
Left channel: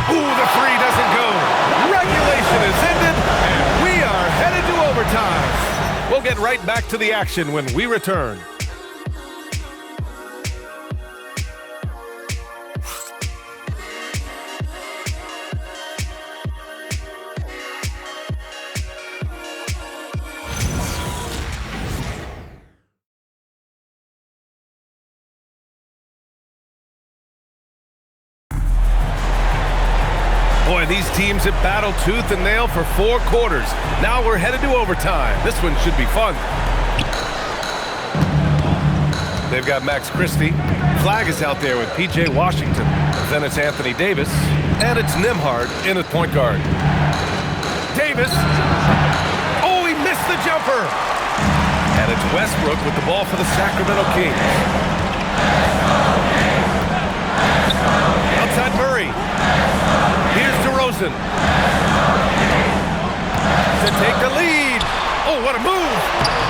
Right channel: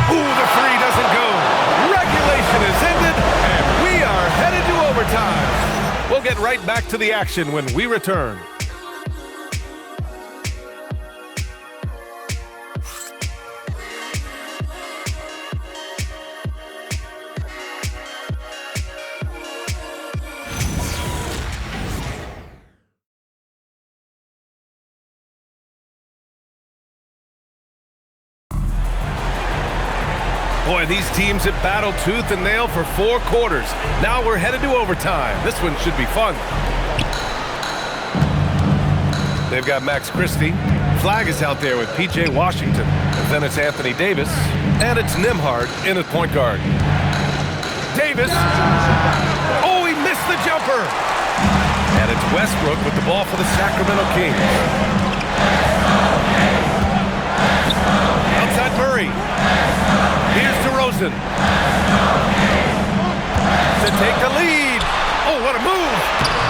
Ooh, the three doesn't go. Regulation is ended, and we are headed to overtime. We'll get right back to the action when we return. Boy, these teams have battled tooth and nail for 4 quarters. Now we're headed to overtime. This one should be fun. They've got Max Christie. Flag is out there with P.J. Washington. And then it's Anthony Davis. And it's Nembhard in at point guard. Davis. Oh, he missed the jumper. And it's Westbrook with the ball for the Sacramento Kings. Outside Murray. DeRozan to take the lead. Oh, what a move.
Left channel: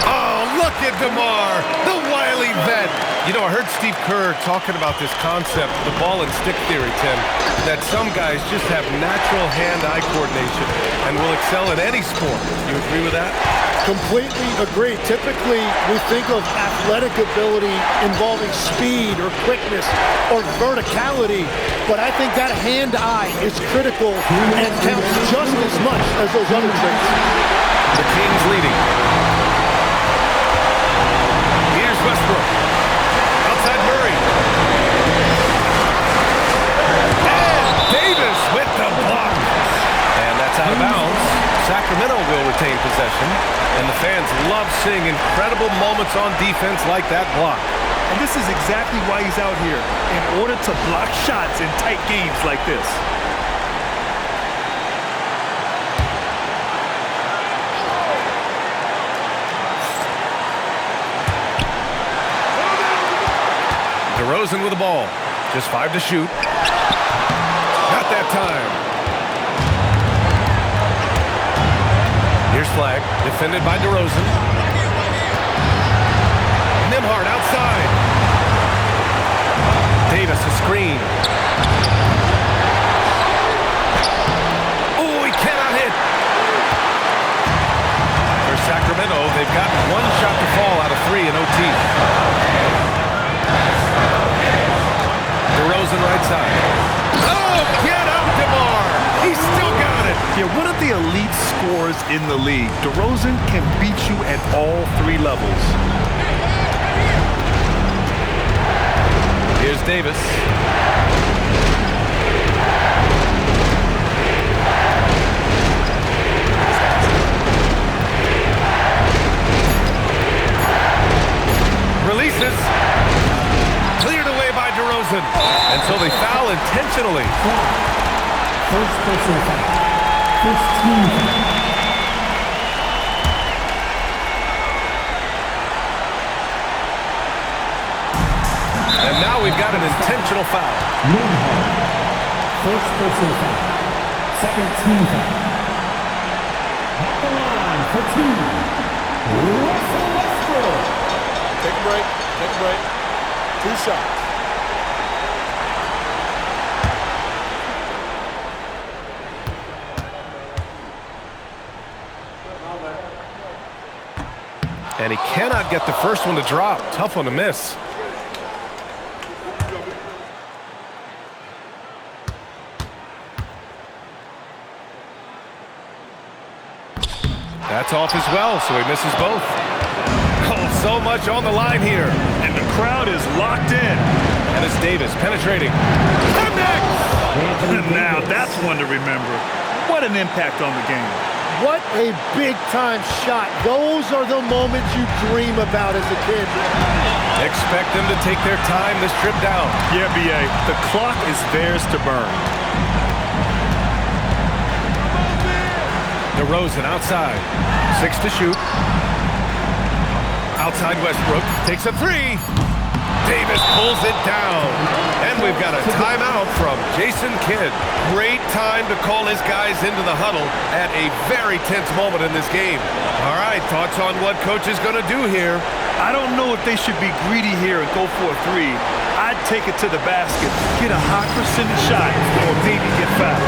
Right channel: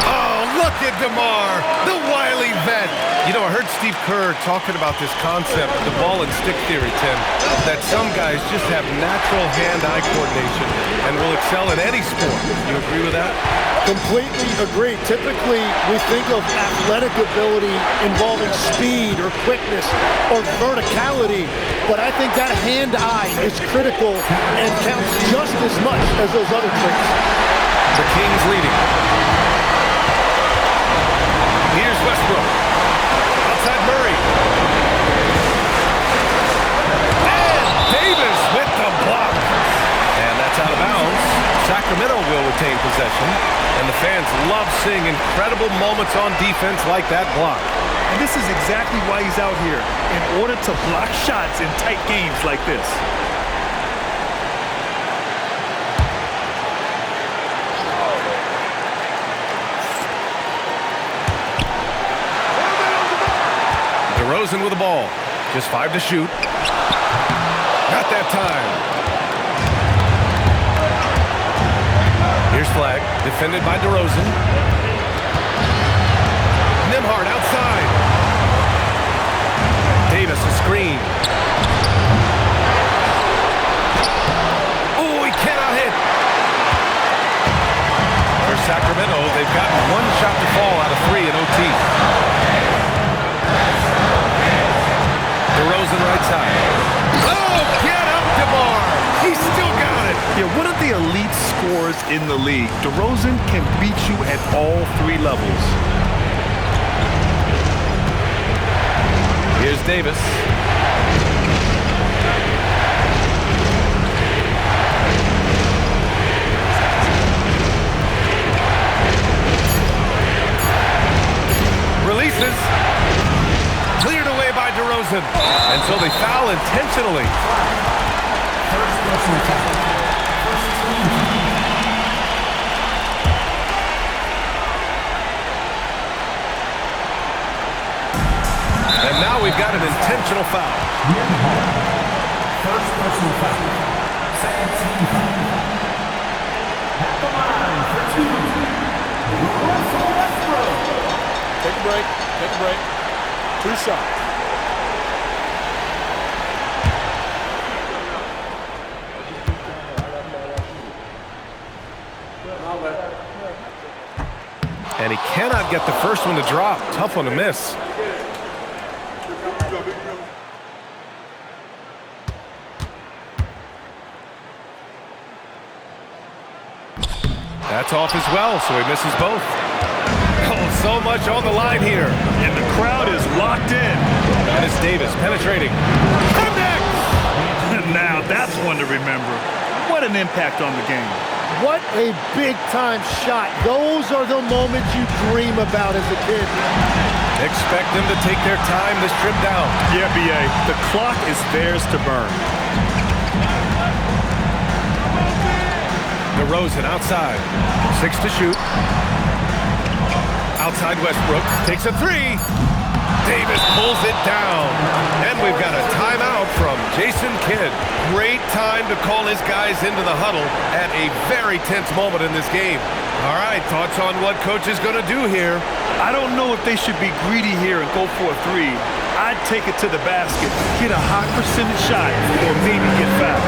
Oh, look at DeMar, the wily vet. You know, I heard Steve Kerr talking about this concept, the ball and stick theory, Tim, that some guys just have natural hand-eye coordination and will excel in any sport. You agree with that? Completely agree. Typically, we think of athletic ability involving speed or quickness or verticality, but I think that hand-eye is critical and counts just as much as those other traits. The Kings leading. Here's Westbrook. Outside Murray. And Davis with the block. And that's out of bounds. Sacramento will retain possession. And the fans love seeing incredible moments on defense like that block. And this is exactly why he's out here, in order to block shots in tight games like this. DeRozan with the ball. Just 5 to shoot. Not that time. Here's Flag. Defended by DeRozan. Nembhard outside. Davis a screen. Oh, he cannot hit. For Sacramento, they've gotten one shot to fall out of 3 in OT. DeRozan right side. Oh, get up, DeMar. He's still got it. Yeah, one of the elite scorers in the league. DeRozan can beat you at all 3 levels. Here's Davis. Releases. Cleared away by DeRozan. And so they foul intentionally. First personal foul. First team foul. And now we've got an intentional foul. First personal foul. Second team foul. At the line for 2, Russell Westbrook. Take a break. Take a break. 2 shots. And he cannot get the first one to drop. Tough one to miss. That's off as well, so he misses both. Oh, so much on the line here. And the crowd is locked in. And it's Davis penetrating. Connects! Now that's one to remember. What an impact on the game. What a big-time shot. Those are the moments you dream about as a kid. Expect them to take their time this trip down. Yeah, B.A., the clock is theirs to burn. DeRozan outside. 6 to shoot. Outside Westbrook. Takes a 3. Davis pulls it down. And we've got a timeout from Jason Kidd. Great time to call his guys into the huddle at a very tense moment in this game. All right, thoughts on what coach is going to do here? I don't know if they should be greedy here and go for a 3. I'd take it to the basket, get a high percentage shot, or maybe get fouled.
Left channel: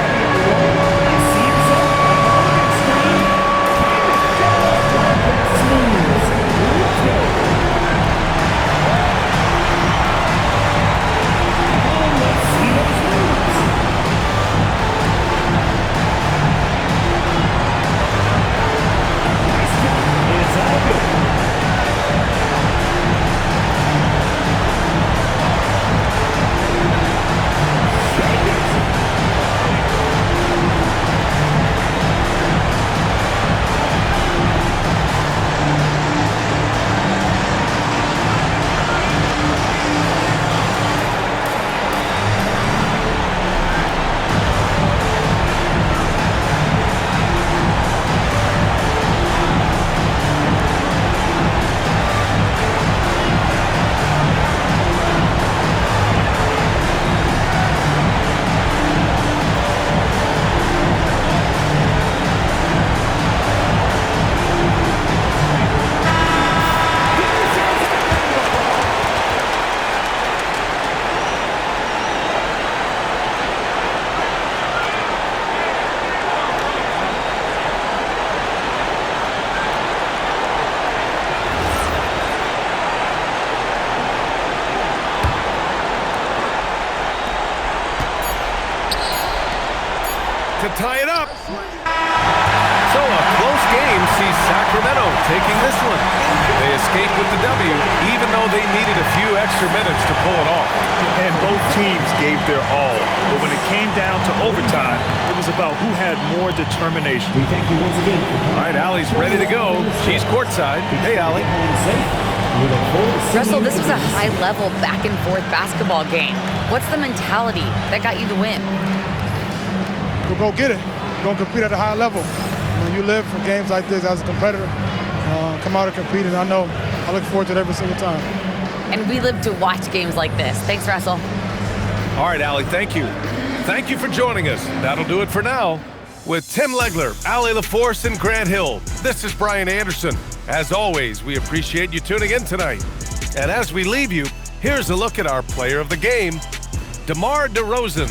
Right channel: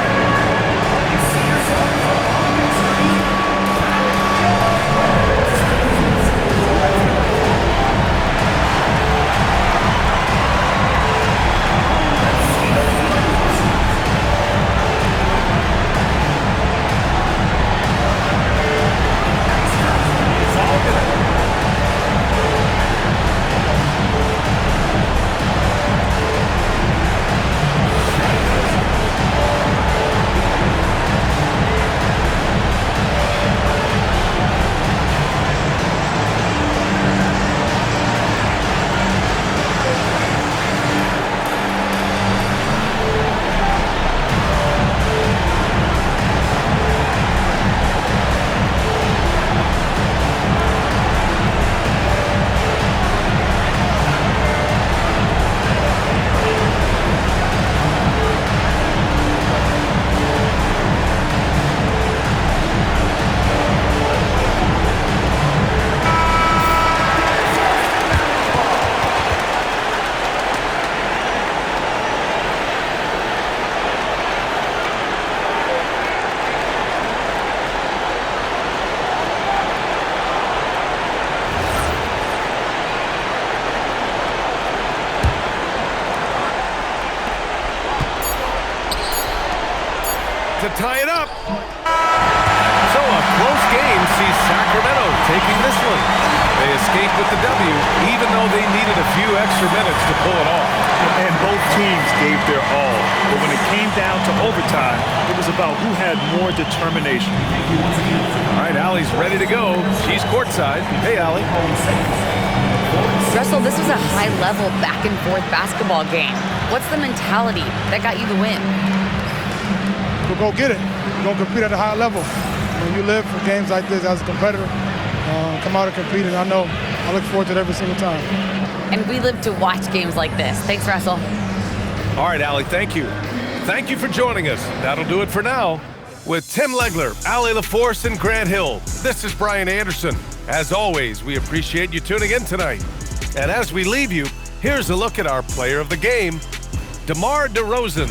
to tie it up. So a close game sees Sacramento taking this one. They escape with the W, even though they needed a few extra minutes to pull it off. And both teams gave their all. But when it came down to overtime, it was about who had more determination. We thank you once again. All right, Allie's ready to go. She's courtside. Hey, Allie. Russell, this was a high-level back-and-forth basketball game. What's the mentality that got you the win? We'll go get it. We're going to compete at a high level. When you live for games like this as a competitor, come out and compete, and I look forward to it every single time. And we live to watch games like this. Thanks, Russell. All right, Allie, thank you. Thank you for joining us. That'll do it for now. With Tim Legler, Allie LaForce, and Grant Hill, this is Brian Anderson. As always, we appreciate you tuning in tonight. And as we leave you, here's a look at our player of the game, DeMar DeRozan.